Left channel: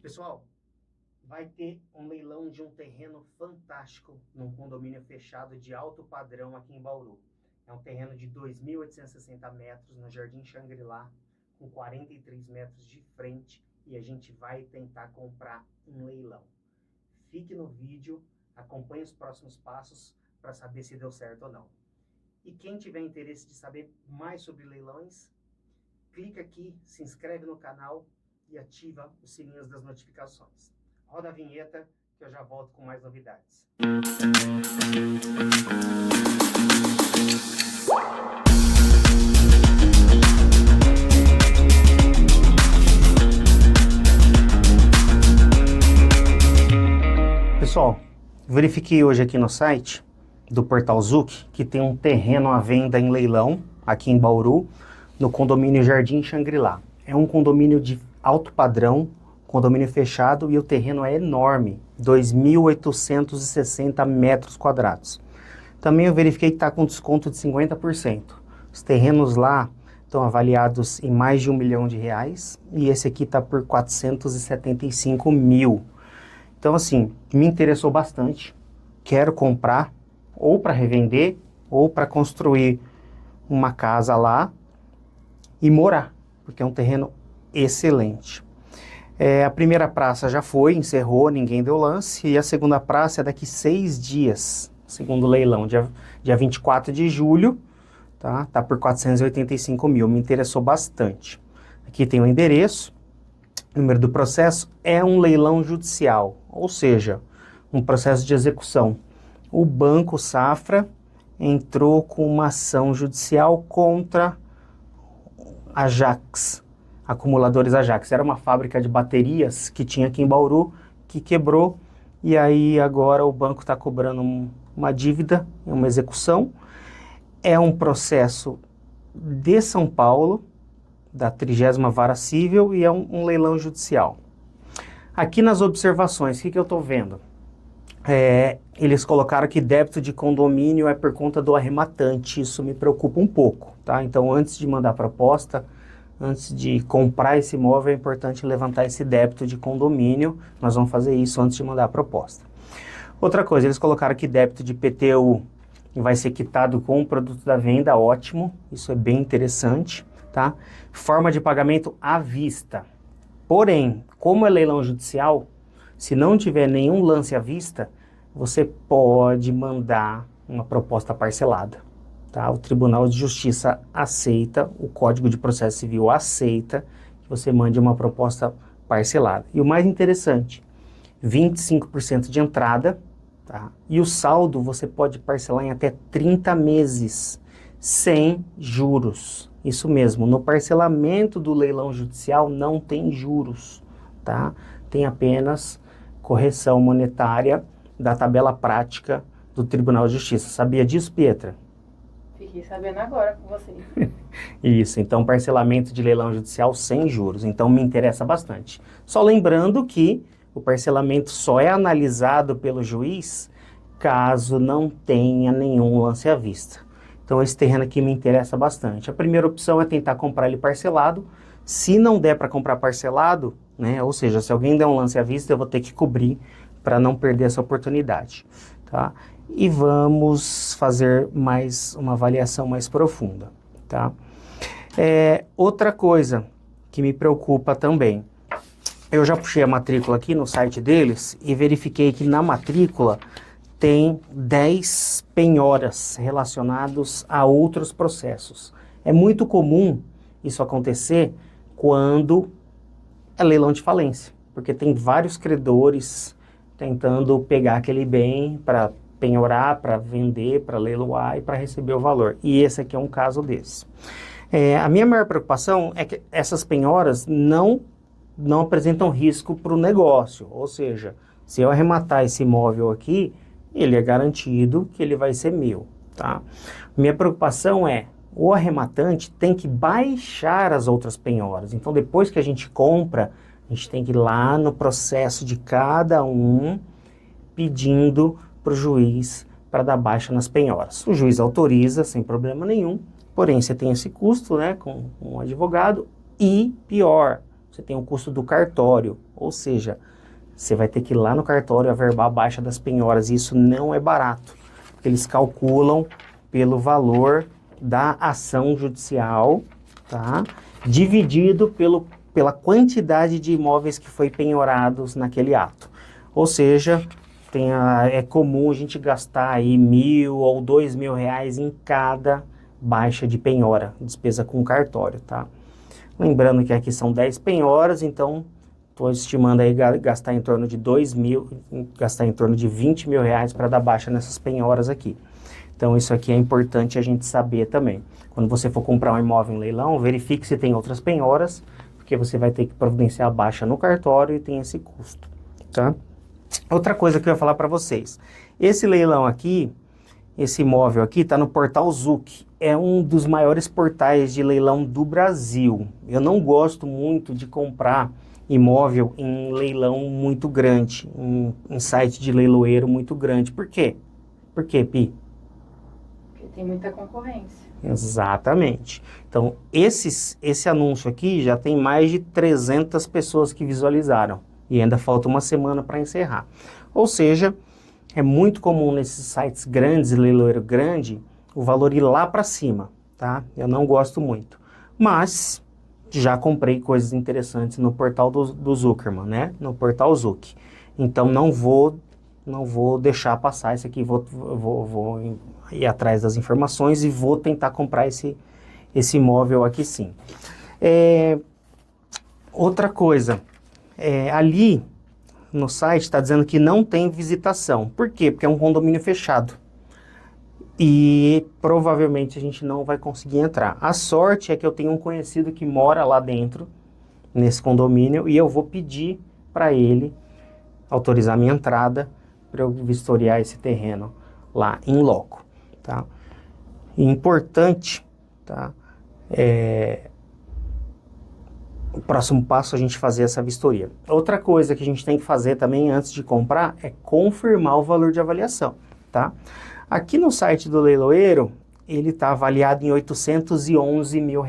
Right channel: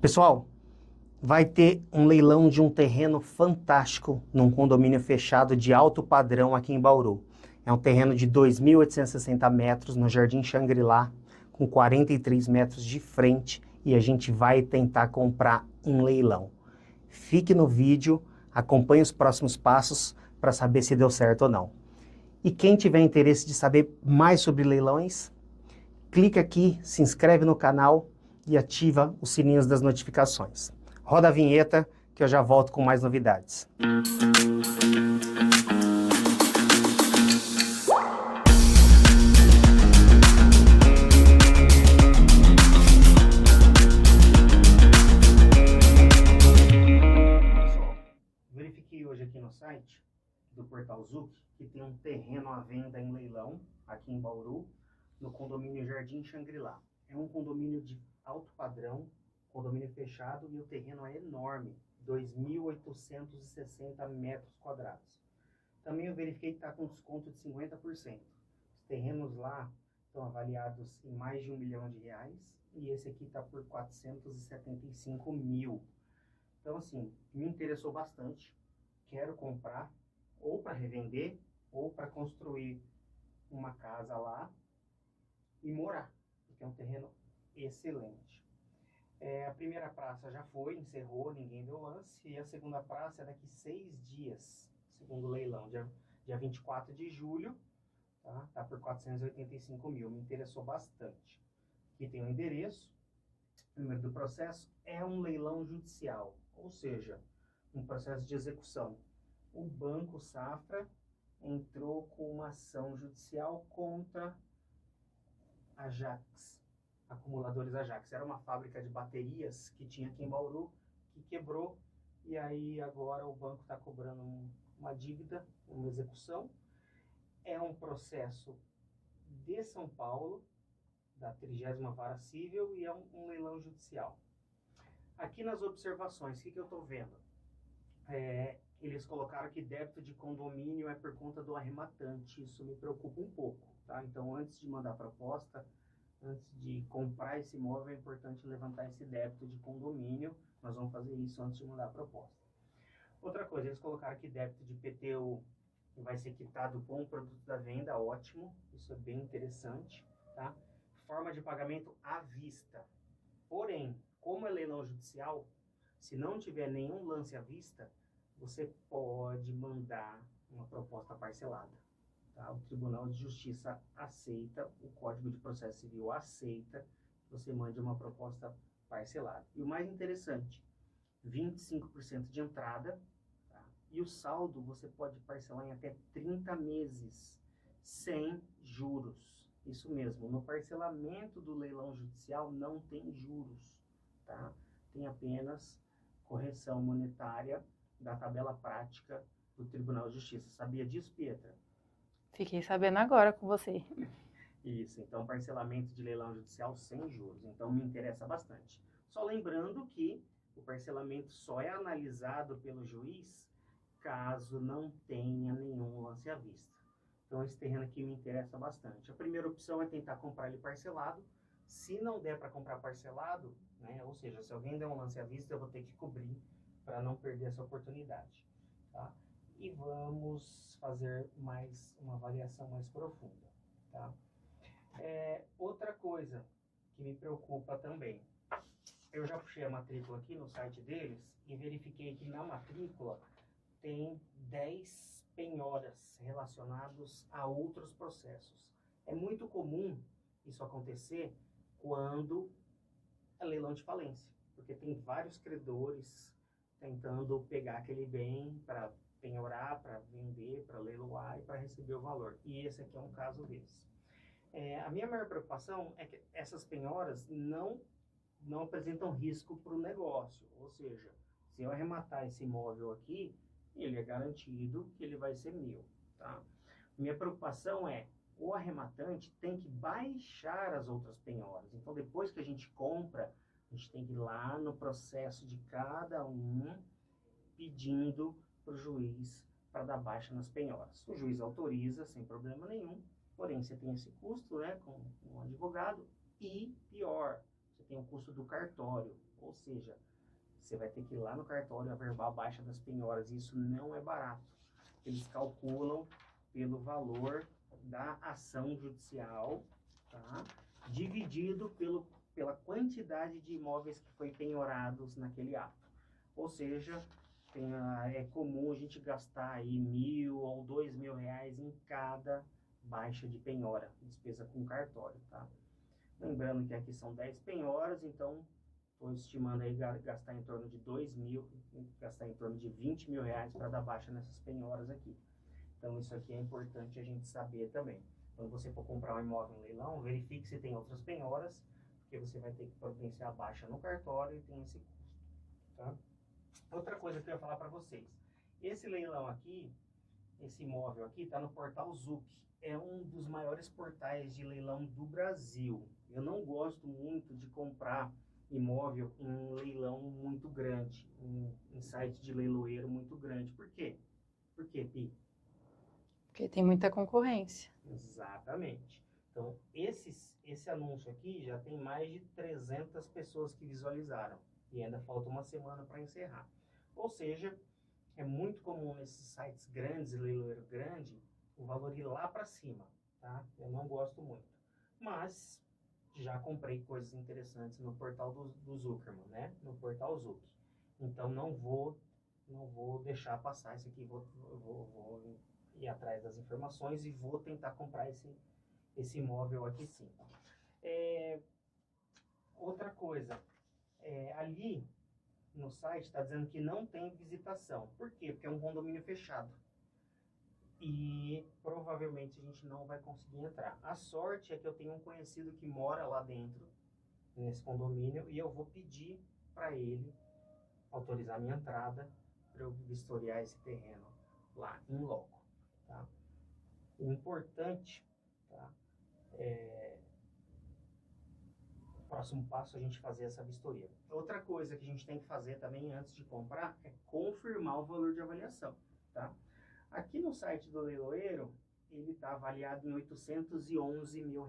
Pessoal, vai ter um leilão de um terreno fantástico num condomínio fechado de alto padrão aqui em Bauru. É um terreno de 2.860 metros no Jardim Xangri-Lá, com 43 metros de frente, e a gente vai tentar comprar em leilão. Fique no vídeo, acompanhe os próximos passos para saber se deu certo ou não. E quem tiver interesse de saber mais sobre leilões, clica aqui, se inscreve no canal e ativa os sininhos das notificações. Roda a vinheta que eu já volto com mais novidades. Pessoal, verifiquei hoje aqui no site do Portal Zuc que tem um terreno à venda em leilão aqui em Bauru, no condomínio Jardim Xangri-Lá. É um condomínio de alto padrão, condomínio fechado, e o terreno é enorme, 2.860 metros quadrados. Também eu verifiquei que está com desconto de 50%. Os terrenos lá estão avaliados em mais de R$1 milhão, e esse aqui está por 475 mil. Então, assim, me interessou bastante. Quero comprar, ou para revender, ou para construir uma casa lá e morar, porque é um terreno excelente. A primeira praça já foi, encerrou, ninguém deu lance, e a segunda praça é daqui 6 dias, segundo o leilão, dia 24 de julho, tá por 485 mil, me interessou bastante. Aqui tem o endereço, o número do processo, é um leilão judicial, ou seja, um processo de execução. O Banco Safra entrou com uma ação judicial contra Ajax, Acumuladores Ajax. Era uma fábrica de baterias que tinha aqui em Bauru, que quebrou, e aí agora o banco está cobrando uma dívida, uma execução. É um processo de São Paulo, da 30ª Vara Civil, e é um leilão judicial. Aqui nas observações, o que eu estou vendo? Eles colocaram que débito de condomínio é por conta do arrematante. Isso me preocupa um pouco, tá? Então, antes de mandar a proposta, antes de comprar esse imóvel, é importante levantar esse débito de condomínio. Nós vamos fazer isso antes de mandar a proposta. Outra coisa, eles colocaram que débito de IPTU vai ser quitado com o produto da venda, ótimo. Isso é bem interessante, tá? Forma de pagamento à vista. Porém, como é leilão judicial, se não tiver nenhum lance à vista, você pode mandar uma proposta parcelada, tá? O Tribunal de Justiça aceita, o Código de Processo Civil aceita que você mande uma proposta parcelada. E o mais interessante, 25% de entrada, tá? E o saldo você pode parcelar em até 30 meses, sem juros. Isso mesmo, no parcelamento do leilão judicial não tem juros, tá? Tem apenas correção monetária da tabela prática do Tribunal de Justiça. Sabia disso, Pietra? Fiquei sabendo agora com você. Isso, então parcelamento de leilão judicial sem juros, então me interessa bastante. Só lembrando que o parcelamento só é analisado pelo juiz caso não tenha nenhum lance à vista. Então esse terreno aqui me interessa bastante. A primeira opção é tentar comprar ele parcelado. Se não der para comprar parcelado, né, ou seja, se alguém der um lance à vista, eu vou ter que cobrir para não perder essa oportunidade, tá? E vamos fazer mais uma avaliação mais profunda, tá? Outra coisa que me preocupa também, eu já puxei a matrícula aqui no site deles e verifiquei que na matrícula tem 10 penhoras relacionados a outros processos. É muito comum isso acontecer quando é leilão de falência, porque tem vários credores tentando pegar aquele bem para penhorar, para vender, para leiloar e para receber o valor. E esse aqui é um caso desse. A minha maior preocupação é que essas penhoras não apresentam risco para o negócio, ou seja, se eu arrematar esse imóvel aqui, ele é garantido que ele vai ser meu, tá? Minha preocupação é, o arrematante tem que baixar as outras penhoras. Então, depois que a gente compra, a gente tem que ir lá no processo de cada um, pedindo para o juiz para dar baixa nas penhoras. O juiz autoriza sem problema nenhum, porém você tem esse custo, né, com um advogado, e pior, você tem o custo do cartório, ou seja, você vai ter que ir lá no cartório averbar a baixa das penhoras, e isso não é barato, porque eles calculam pelo valor da ação judicial, tá? Dividido pela quantidade de imóveis que foi penhorados naquele ato. Ou seja, é comum a gente gastar aí R$ 1.000 ou R$ 2.000 em cada baixa de penhora, despesa com cartório, tá? Lembrando que aqui são 10 penhoras, então estou estimando aí gastar em torno de gastar em torno de R$ 20.000 para dar baixa nessas penhoras aqui. Então isso aqui é importante a gente saber também. Quando você for comprar um imóvel em leilão, verifique se tem outras penhoras, porque você vai ter que providenciar a baixa no cartório e tem esse custo, tá? Outra coisa que eu ia falar para vocês. Esse leilão aqui, esse imóvel aqui, está no portal Zuc. É um dos maiores portais de leilão do Brasil. Eu não gosto muito de comprar imóvel em leilão muito grande, em site de leiloeiro muito grande. Por quê? Por quê, Pi? Porque tem muita concorrência. Exatamente. Então, esse anúncio aqui já tem mais de 300 pessoas que visualizaram. E ainda falta uma semana para encerrar. Ou seja, é muito comum nesses sites grandes, leiloeiro grande, o valor ir lá para cima, tá? Eu não gosto muito. Mas já comprei coisas interessantes no portal do Zuckerman, né? No portal Zuc. Então não vou deixar passar isso aqui. Vou ir atrás das informações e vou tentar comprar esse imóvel aqui sim. Outra coisa, ali no site está dizendo que não tem visitação. Por quê? Porque é um condomínio fechado. E provavelmente a gente não vai conseguir entrar. A sorte é que eu tenho um conhecido que mora lá dentro, nesse condomínio, e eu vou pedir para ele autorizar minha entrada para eu vistoriar esse terreno lá em loco, tá? E importante, tá? O próximo passo é a gente fazer essa vistoria. Outra coisa que a gente tem que fazer também antes de comprar é confirmar o valor de avaliação, tá? Aqui no site do leiloeiro, ele está avaliado em R$ 811 mil.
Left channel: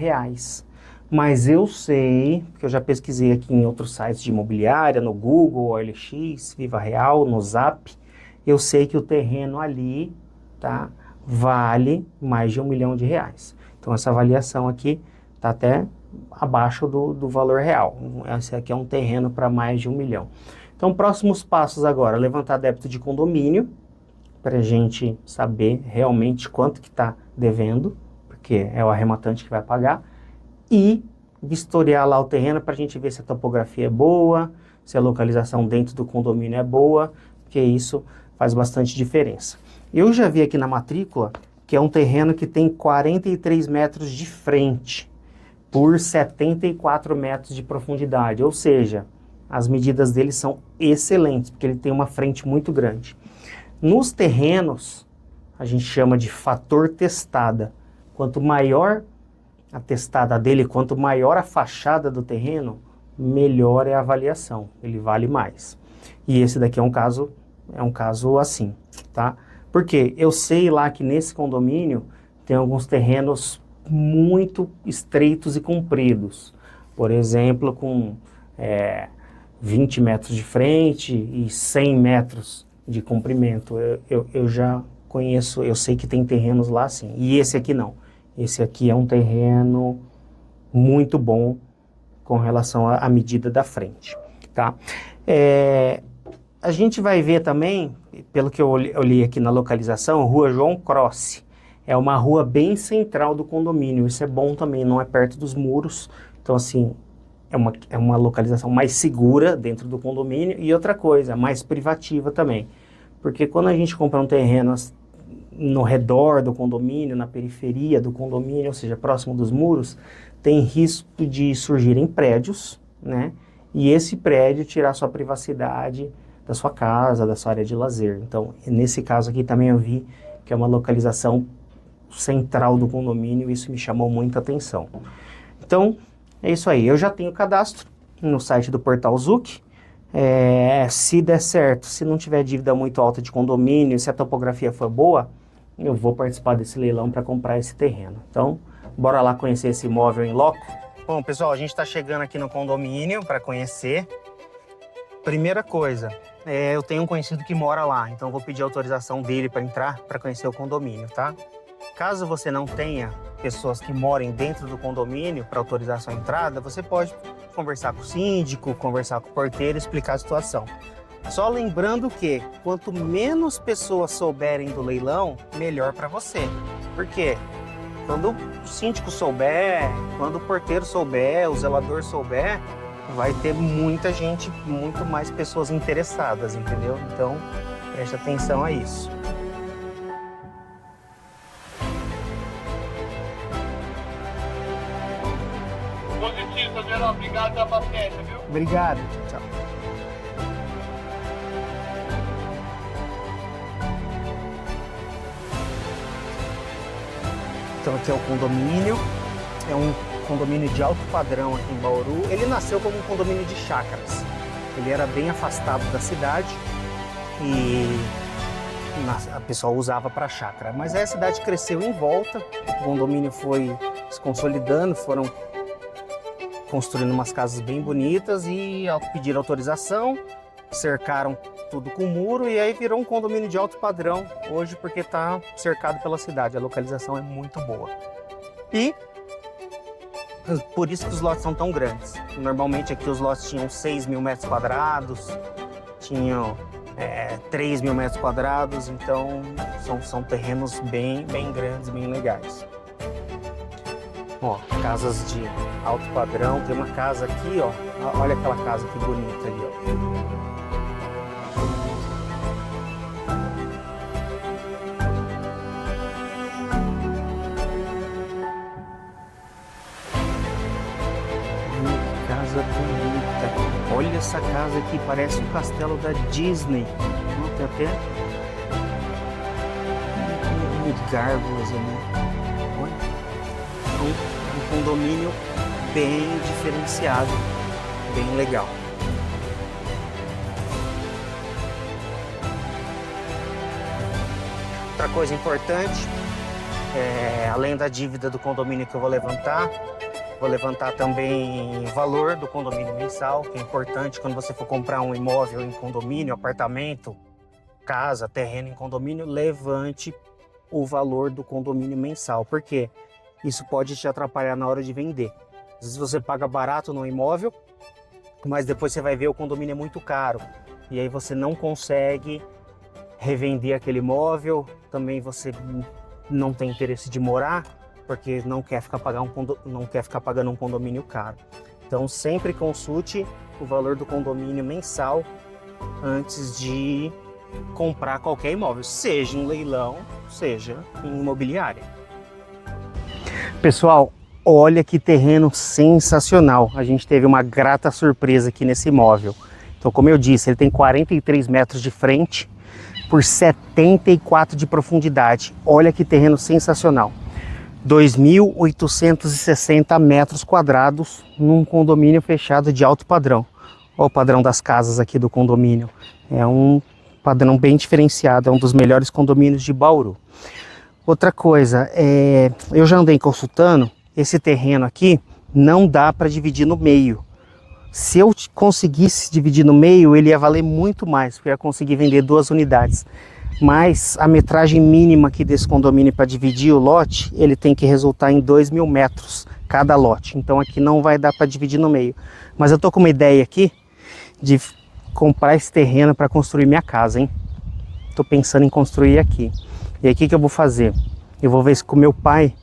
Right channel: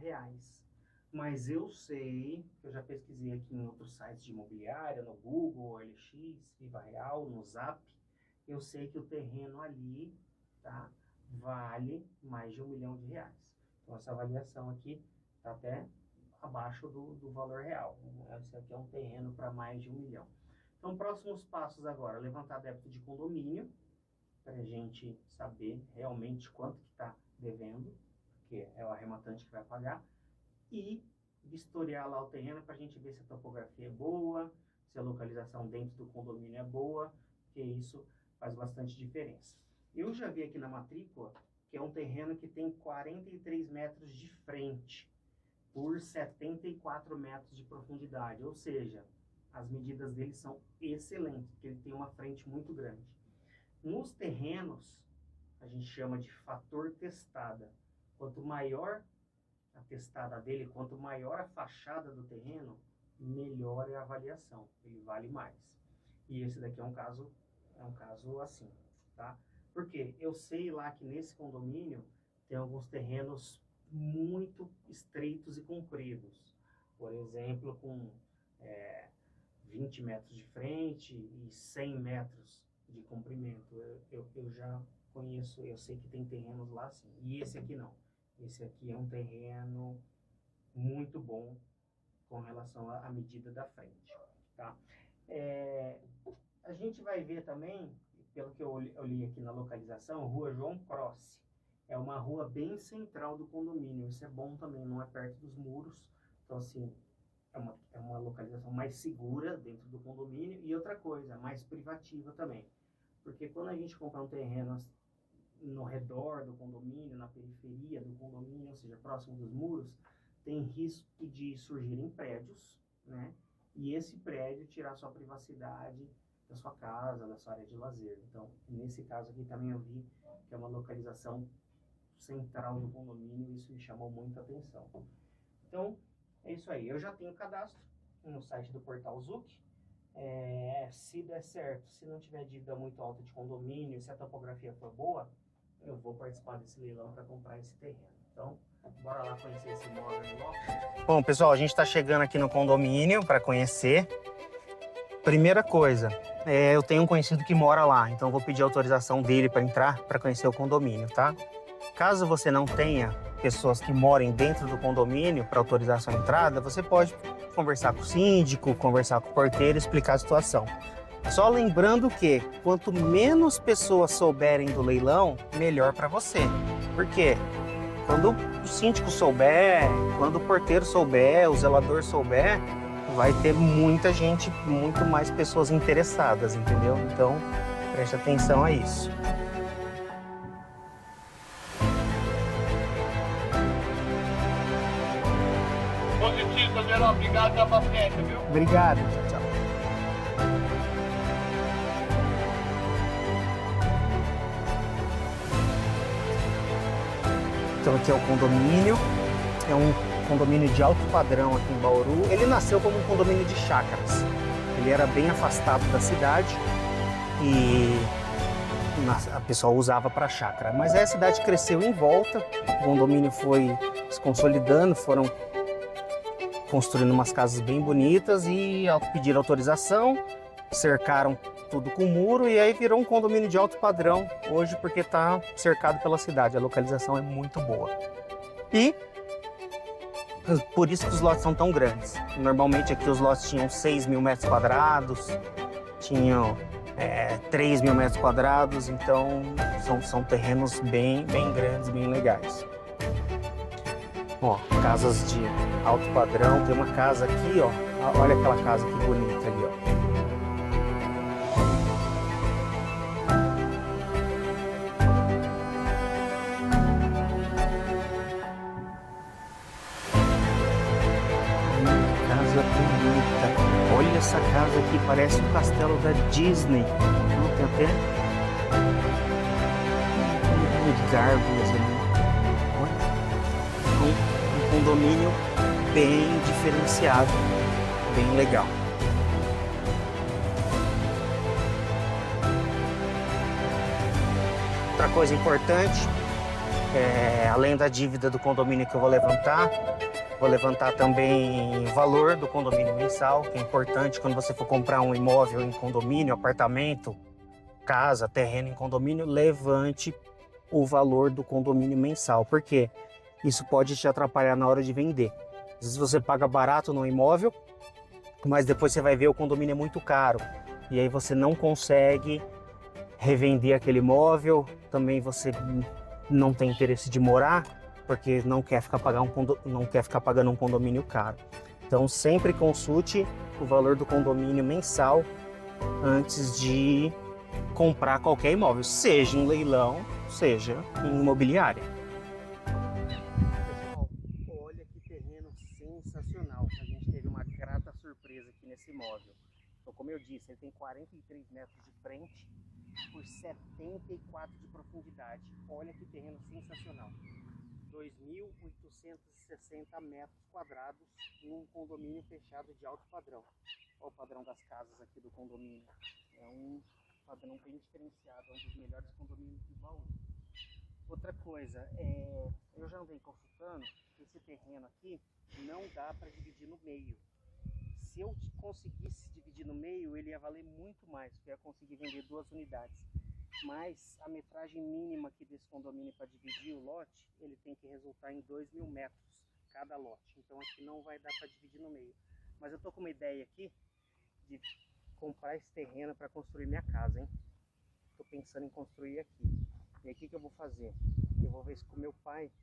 Mas eu sei, porque eu já pesquisei aqui em outros sites de imobiliária, no Google, OLX, Viva Real, no Zap, eu sei que o terreno ali, tá, vale mais de R$ 1 milhão. Então essa avaliação aqui está até abaixo do valor real. Esse aqui é um terreno para mais de R$ 1 milhão. Então, próximos passos agora, levantar débito de condomínio, para a gente saber realmente quanto que está devendo, porque é o arrematante que vai pagar, e vistoriar lá o terreno para a gente ver se a topografia é boa, se a localização dentro do condomínio é boa, porque isso faz bastante diferença. Eu já vi aqui na matrícula que é um terreno que tem 43 metros de frente por 74 metros de profundidade, ou seja, as medidas dele são excelentes, porque ele tem uma frente muito grande. Nos terrenos, a gente chama de fator testada. Quanto maior a testada dele, quanto maior a fachada do terreno, melhor é a avaliação, ele vale mais. E esse daqui é um caso assim, tá? Porque eu sei lá que nesse condomínio tem alguns terrenos muito estreitos e compridos. Por exemplo, com 20 metros de frente e 100 metros de comprimento. Eu já conheço, eu sei que tem terrenos lá assim. E esse aqui não. Esse aqui é um terreno muito bom com relação à medida da frente, tá? A gente vai ver também, pelo que eu li aqui na localização, Rua João Crossi. É uma rua bem central do condomínio. Isso é bom também, não é perto dos muros. Então, assim, é uma localização mais segura dentro do condomínio. E outra coisa, mais privativa também. Porque quando a gente compra um terreno no redor do condomínio, na periferia do condomínio, ou seja, próximo dos muros, tem risco de surgirem prédios, né? E esse prédio tirar sua privacidade da sua casa, da sua área de lazer. Então, nesse caso aqui também eu vi que é uma localização central do condomínio, e isso me chamou muita atenção. Então, é isso aí. Eu já tenho cadastro no site do Portal Zuc. Se der certo, se não tiver dívida muito alta de condomínio, se a topografia for boa, eu vou participar desse leilão para comprar esse terreno. Então, bora lá conhecer esse imóvel em loco. Bom, pessoal, a gente está chegando aqui no condomínio para conhecer. Primeira coisa, eu tenho um conhecido que mora lá, então eu vou pedir autorização dele para entrar para conhecer o condomínio, tá? Caso você não tenha pessoas que morem dentro do condomínio para autorizar sua entrada, você pode conversar com o síndico, conversar com o porteiro e explicar a situação. Só lembrando que quanto menos pessoas souberem do leilão, melhor para você. Por quê? Quando o síndico souber, quando o porteiro souber, o zelador souber, vai ter muita gente, muito mais pessoas interessadas, entendeu? Então, preste atenção a isso. Positivo, Geraldo. Obrigado pela paciência, viu? Obrigado. Tchau, tchau. Então aqui é o condomínio. É um condomínio de alto padrão aqui em Bauru. Ele nasceu como um condomínio de chácaras. Ele era bem afastado da cidade e a pessoa usava para chácara. Mas aí a cidade cresceu em volta, o condomínio foi se consolidando, foram construindo umas casas bem bonitas e pediram autorização, cercaram tudo com muro e aí virou um condomínio de alto padrão hoje porque está cercado pela cidade. A localização é muito boa. E por isso que os lotes são tão grandes. Normalmente aqui os lotes tinham 6 mil metros quadrados, tinham 3 mil metros quadrados, então são terrenos bem grandes, bem legais. Ó, casas de alto padrão, tem uma casa aqui, ó, olha aquela casa que bonita ali, ó. Casa bonita. Olha essa casa aqui, parece o castelo da Disney. Tem até gárgulas ali. Olha. Um condomínio bem diferenciado, bem legal. Outra coisa importante, além da dívida do condomínio que eu vou levantar também o valor do condomínio mensal, que é importante quando você for comprar um imóvel em condomínio, apartamento, casa, terreno em condomínio, levante o valor do condomínio mensal. Por quê? Isso pode te atrapalhar na hora de vender. Às vezes você paga barato no imóvel, mas depois você vai ver o condomínio é muito caro. E aí você não consegue revender aquele imóvel, também você não tem interesse de morar, porque não quer ficar pagando um condomínio caro. Então sempre consulte o valor do condomínio mensal antes de comprar qualquer imóvel, seja em leilão, seja em imobiliária. Pessoal, olha que terreno sensacional. A gente teve uma grata surpresa aqui nesse imóvel. Então, como eu disse, ele tem 43 metros de frente por 74 de profundidade. Olha que terreno sensacional. 2.860 metros quadrados num condomínio fechado de alto padrão. Olha o padrão das casas aqui do condomínio. É um padrão bem diferenciado, é um dos melhores condomínios de Bauru. Outra coisa, eu já andei consultando, esse terreno aqui não dá para dividir no meio. Se eu conseguisse dividir no meio, ele ia valer muito mais, porque eu ia conseguir vender 2 unidades. Mas a metragem mínima aqui desse condomínio para dividir o lote, ele tem que resultar em 2.000 metros cada lote. Então aqui não vai dar para dividir no meio. Mas eu tô com uma ideia aqui de comprar esse terreno para construir minha casa, hein? Tô pensando em construir aqui. E aí o que eu vou fazer? Eu vou ver com o meu pai,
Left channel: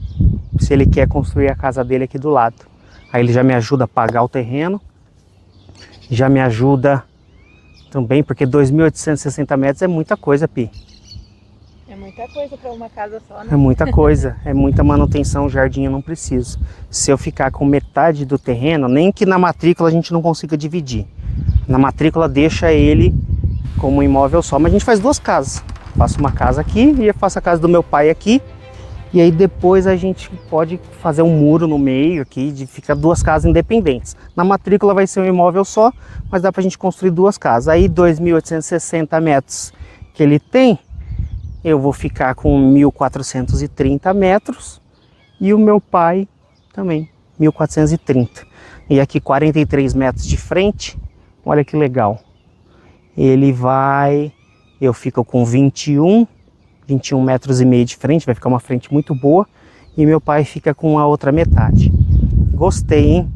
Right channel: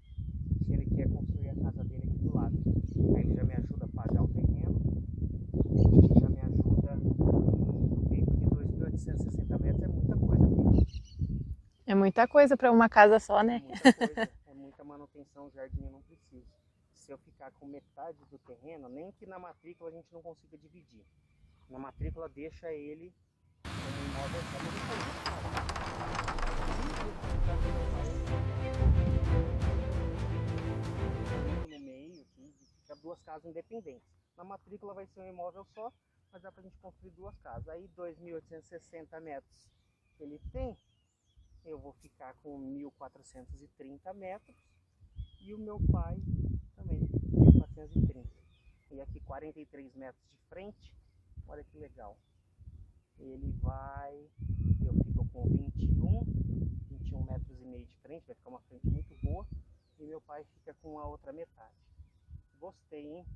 se ele quer construir a casa dele aqui do lado. Aí ele já me ajuda a pagar o terreno, já me ajuda também, porque 2.860 metros é muita coisa, Pi. É muita coisa para uma casa só, né? É muita coisa, é muita manutenção, o jardim eu não preciso. Se eu ficar com metade do terreno, nem que na matrícula a gente não consiga dividir. Na matrícula deixa ele como um imóvel só, mas a gente faz 2 casas. Faço uma casa aqui e eu faço a casa do meu pai aqui. E aí depois a gente pode fazer um muro no meio aqui, de ficar 2 casas independentes. Na matrícula vai ser um imóvel só, mas dá pra gente construir 2 casas. Aí 2.860 metros que ele tem, eu vou ficar com 1.430 metros. E o meu pai também, 1.430. E aqui 43 metros de frente, olha que legal. Ele vai, eu fico com 21 metros e meio de frente, vai ficar uma frente muito boa. E meu pai fica com a outra metade. Gostei, hein?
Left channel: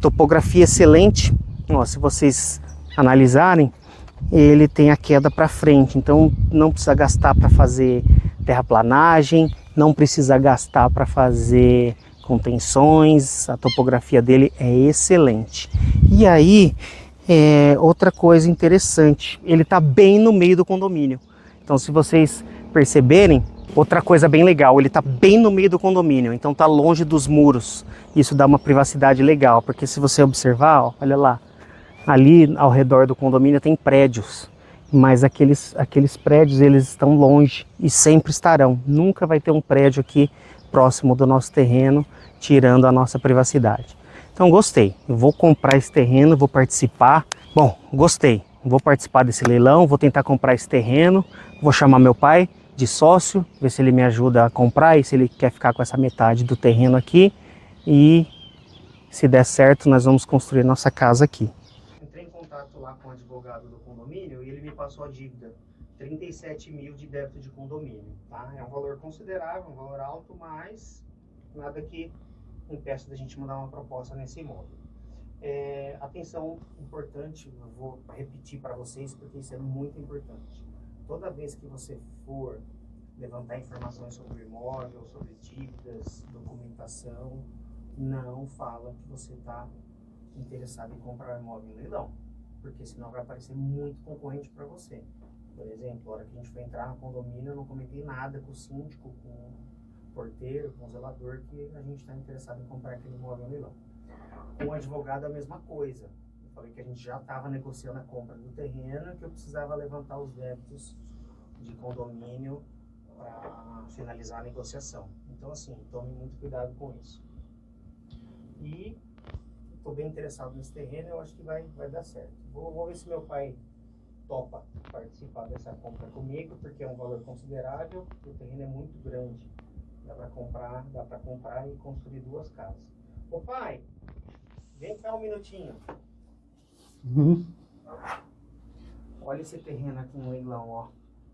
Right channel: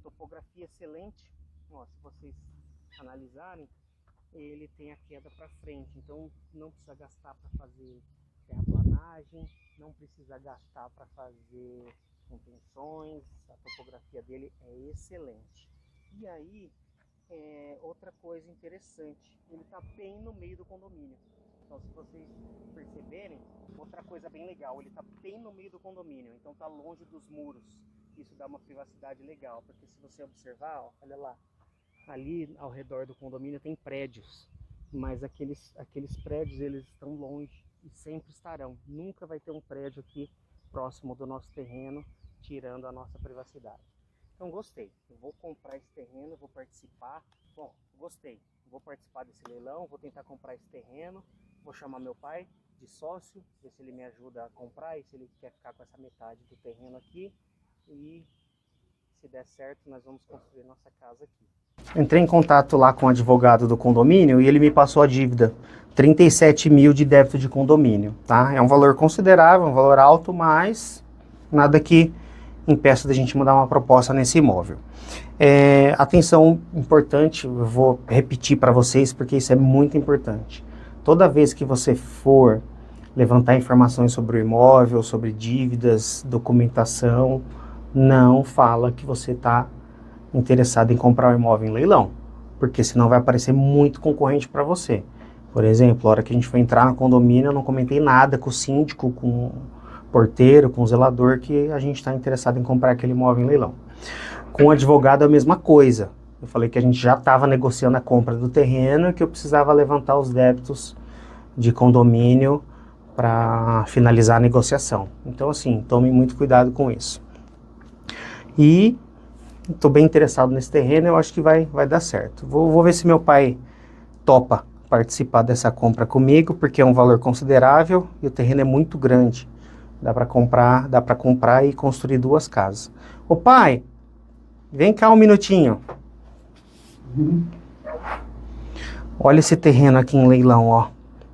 Topografia excelente. Ó, se vocês analisarem, ele tem a queda para frente, então não precisa gastar para fazer terraplanagem, não precisa gastar para fazer contenções, a topografia dele é excelente. E aí, outra coisa interessante, ele está bem no meio do condomínio. Então, se vocês perceberem, outra coisa bem legal, ele está bem no meio do condomínio, então está longe dos muros. Isso dá uma privacidade legal, porque se você observar, ó, olha lá, ali ao redor do condomínio tem prédios, mas aqueles prédios eles estão longe e sempre estarão. Nunca vai ter um prédio aqui próximo do nosso terreno, tirando a nossa privacidade. Então gostei, eu vou comprar esse terreno, vou participar. Bom, gostei, vou participar desse leilão, vou tentar comprar esse terreno, vou chamar meu pai de sócio, ver se ele me ajuda a comprar e se ele quer ficar com essa metade do terreno aqui. E se der certo, nós vamos construir nossa casa aqui. Entrei em contato lá com o advogado do condomínio e ele me passou a dívida, 37 mil de débito de condomínio, tá? É um valor considerável, um valor alto, mas nada que impeça da gente mandar uma proposta nesse imóvel. Atenção importante, eu vou repetir para vocês porque isso é muito importante. Toda vez que você for levantar informações sobre o imóvel, sobre dívidas, documentação, não fala que você está interessado em comprar o imóvel em leilão, porque senão vai aparecer muito concorrente para você. Por exemplo, a hora que a gente foi entrar no condomínio, eu não comentei nada com o síndico, com o porteiro, com o zelador, que a gente está interessado em comprar aquele imóvel em leilão. Com o advogado é a mesma coisa. Eu falei que a gente já estava negociando a compra do terreno e que eu precisava levantar os débitos de condomínio para finalizar a negociação. Então, assim, tome muito cuidado com isso. E estou bem interessado nesse terreno, eu acho que vai dar certo. Vou ver se meu pai topa participar dessa compra comigo, porque é um valor considerável e o terreno é muito grande. Dá para comprar e construir 2 casas. Ô pai, vem cá um minutinho. Olha esse terreno aqui em leilão, ó.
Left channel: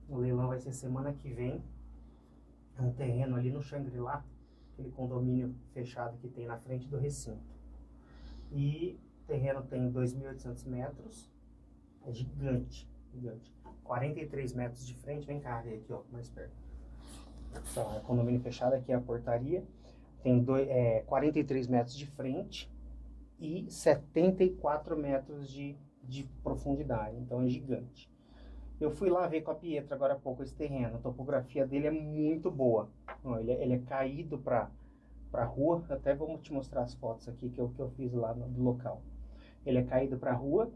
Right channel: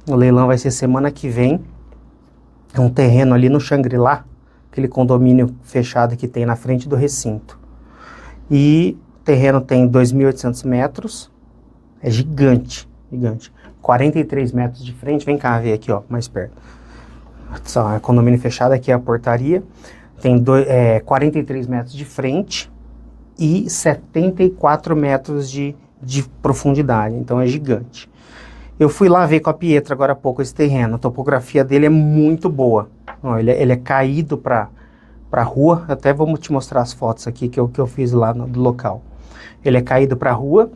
O leilão vai ser semana que vem. É um terreno ali no Xangri-Lá, aquele condomínio fechado que tem na frente do recinto. E o terreno tem 2.800 metros, é gigante, gigante. 43 metros de frente, vem cá ver aqui, ó, mais perto. É condomínio fechado, aqui é a portaria. Tem 43 metros de frente e 74 metros de profundidade, então é gigante. Eu fui lá ver com a Pietra agora há pouco esse terreno, a topografia dele é muito boa. Ó, ele é caído para a rua, até vou te mostrar as fotos aqui que eu fiz lá do local. Ele é caído para a rua,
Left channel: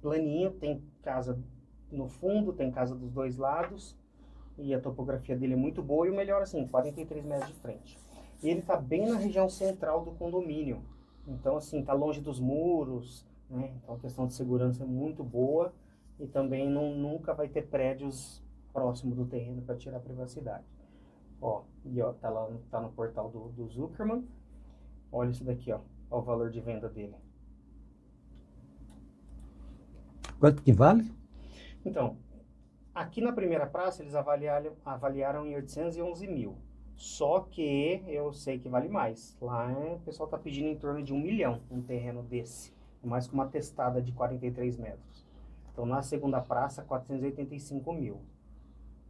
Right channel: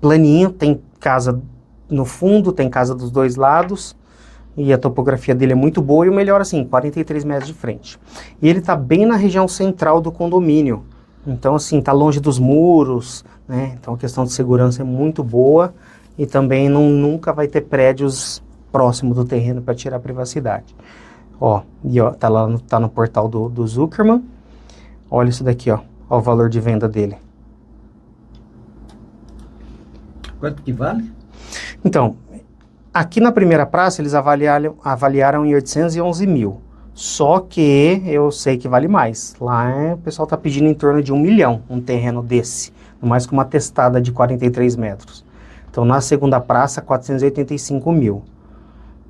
planinho, tem casa no fundo, tem casa dos 2 lados, e a topografia dele é muito boa, e o melhor assim, 43 metros de frente. E ele está bem na região central do condomínio, então assim, está longe dos muros, né? Então a questão de segurança é muito boa, e também nunca vai ter prédios próximo do terreno para tirar a privacidade. Ó, e ó, tá no portal do Zuckerman. Olha isso daqui, ó. Ó o valor de venda dele. Quanto que vale? Então, aqui na primeira praça eles avaliaram em 811 mil. Só que eu sei que vale mais. Lá o pessoal tá pedindo em torno de 1 milhão um terreno desse. Mais com uma testada de 43 metros. Então na segunda praça, 485 mil.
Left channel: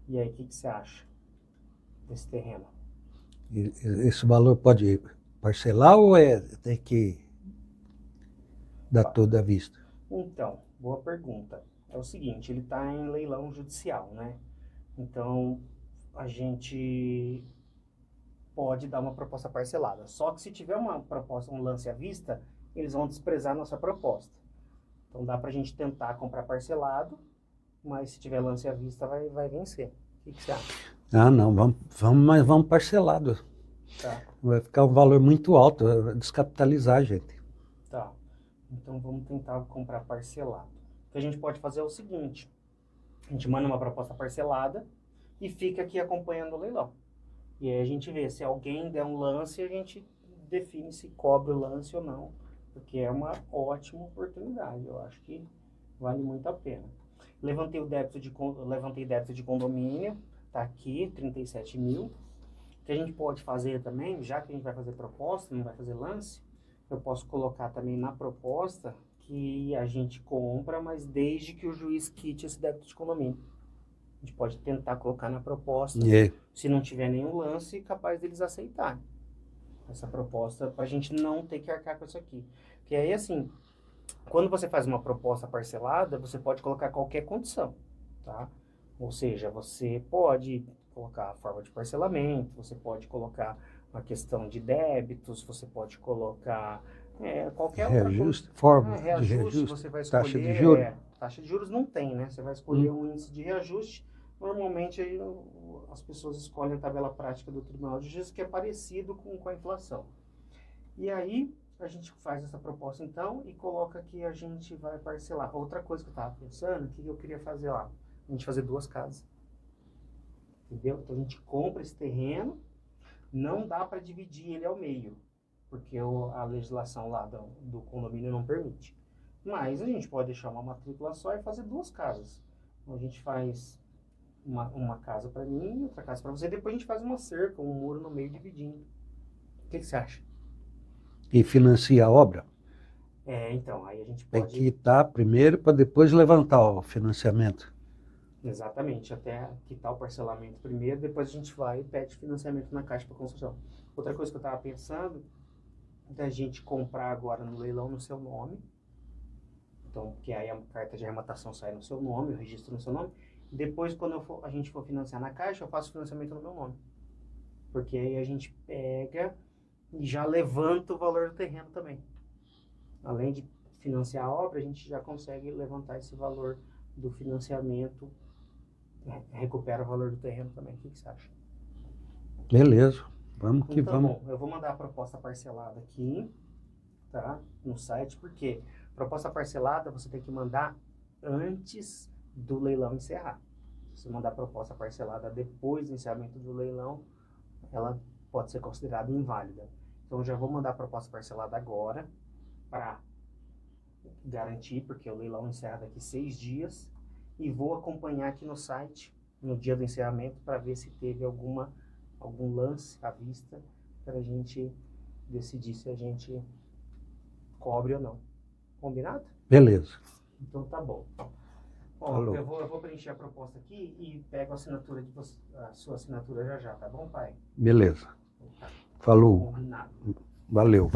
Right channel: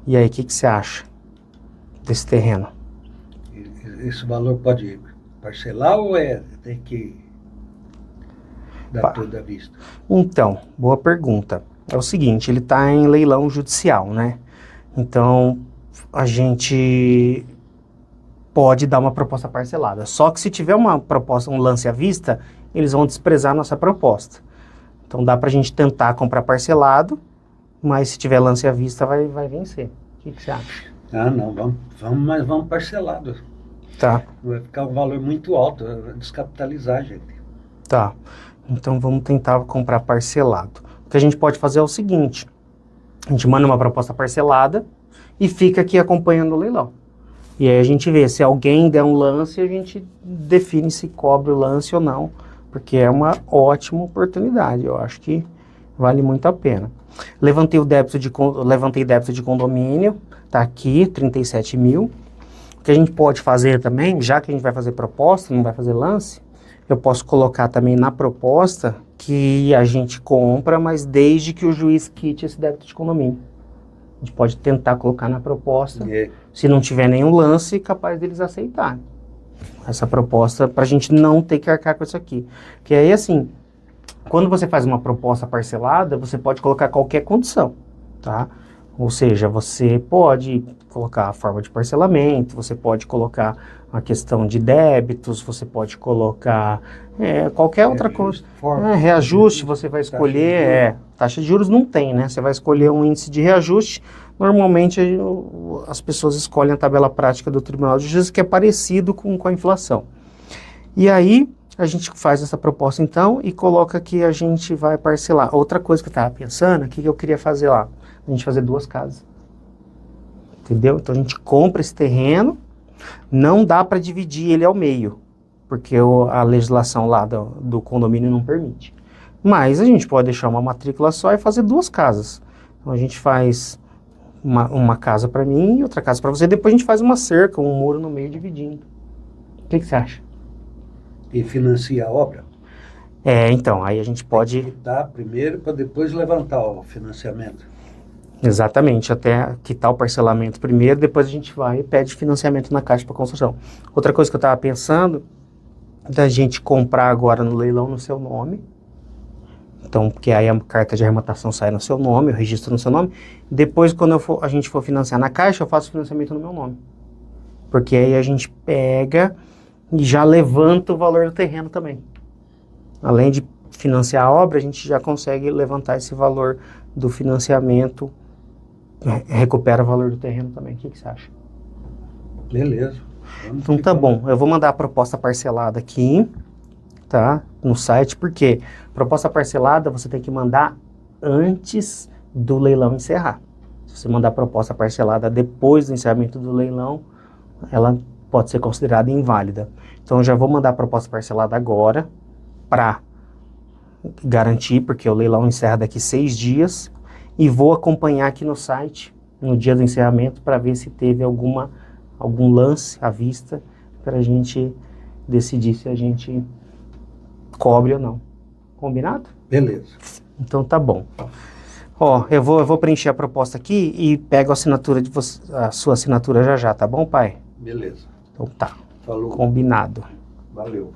E aí, o que você acha desse terreno? Esse valor pode parcelar ou tem que dar toda a vista? Então, boa pergunta. É o seguinte, ele está em leilão judicial, né? Então, a gente pode dar uma proposta parcelada. Só que se tiver uma proposta, um lance à vista, eles vão desprezar a nossa proposta. Então, dá para a gente tentar comprar parcelado, mas se tiver lance à vista, vai vencer. O que você acha? Ah, não, vamos parcelado. Tá. Vai ficar um valor muito alto, descapitalizar a gente. Tá. Então, vamos tentar comprar parcelado. O que a gente pode fazer é o seguinte, a gente manda uma proposta parcelada e fica aqui acompanhando o leilão. E aí a gente vê, se alguém der um lance, a gente define se cobre o lance ou não, porque é uma ótima oportunidade, eu acho que vale muito a pena. Levantei débito de condomínio, tá aqui, 37 mil. O que a gente pode fazer também, já que a gente vai fazer proposta, não vai fazer lance, eu posso colocar também na proposta que a gente compra, mas desde que o juiz quite esse débito de condomínio. A gente pode tentar colocar na proposta, se não tiver nenhum lance, capaz deles aceitarem essa proposta, para a gente não ter que arcar com isso aqui. Porque aí, assim, quando você faz uma proposta parcelada, você pode colocar qualquer condição, tá? Ou seja, você pode colocar a forma de parcelamento, você pode colocar a questão de débitos, você pode colocar qualquer outra coisa. Reajuste, você vai escolher. Taxa de juros não tem, né? Você vai escolher um índice de reajuste. Normalmente as pessoas escolhem a tabela prática do Tribunal de Justiça, que é parecido com a inflação. E aí a gente faz essa proposta então e coloca que a gente vai parcelar. Outra coisa que eu estava pensando, o que eu queria fazer lá? A gente fazer 2 casas. Entendeu? Então a gente compra esse terreno, não dá para dividir ele ao meio, porque a legislação lá do condomínio não permite. Mas a gente pode deixar uma matrícula só e fazer 2 casas. Então a gente faz uma casa para mim e outra casa para você, depois a gente faz uma cerca, um muro no meio dividindo. O que você acha? E financia a obra? Então, aí a gente pode... quitar primeiro para depois levantar o financiamento. Exatamente, até quitar o parcelamento primeiro, depois a gente vai e pede financiamento na Caixa para construção. Outra coisa que eu estava pensando, da gente comprar agora no leilão no seu nome, então, porque aí a carta de arrematação sai no seu nome, eu registro no seu nome, depois quando a gente for financiar na Caixa, eu faço financiamento no meu nome. Porque aí a gente pega e já levanta o valor do terreno também. Além de financiar a obra, a gente já consegue levantar esse valor do financiamento, recupera o valor do terreno também. O que você acha? Beleza. Então tá bom, eu vou mandar a proposta parcelada aqui, tá? No site, porque proposta parcelada você tem que mandar antes do leilão encerrar. Se você mandar a proposta parcelada depois do encerramento do leilão, ela pode ser considerada inválida. Então eu já vou mandar a proposta parcelada agora, para garantir, porque o leilão encerra daqui 6 dias, e vou acompanhar aqui no site, no dia do encerramento, para ver se teve algum lance à vista, para a gente decidir se a gente cobre ou não. Combinado? Beleza. Então tá bom. Ó, eu vou preencher a proposta aqui e pego a assinatura de você, a sua assinatura já, tá bom, pai? Beleza. Então tá. Falou. Combinado. Valeu.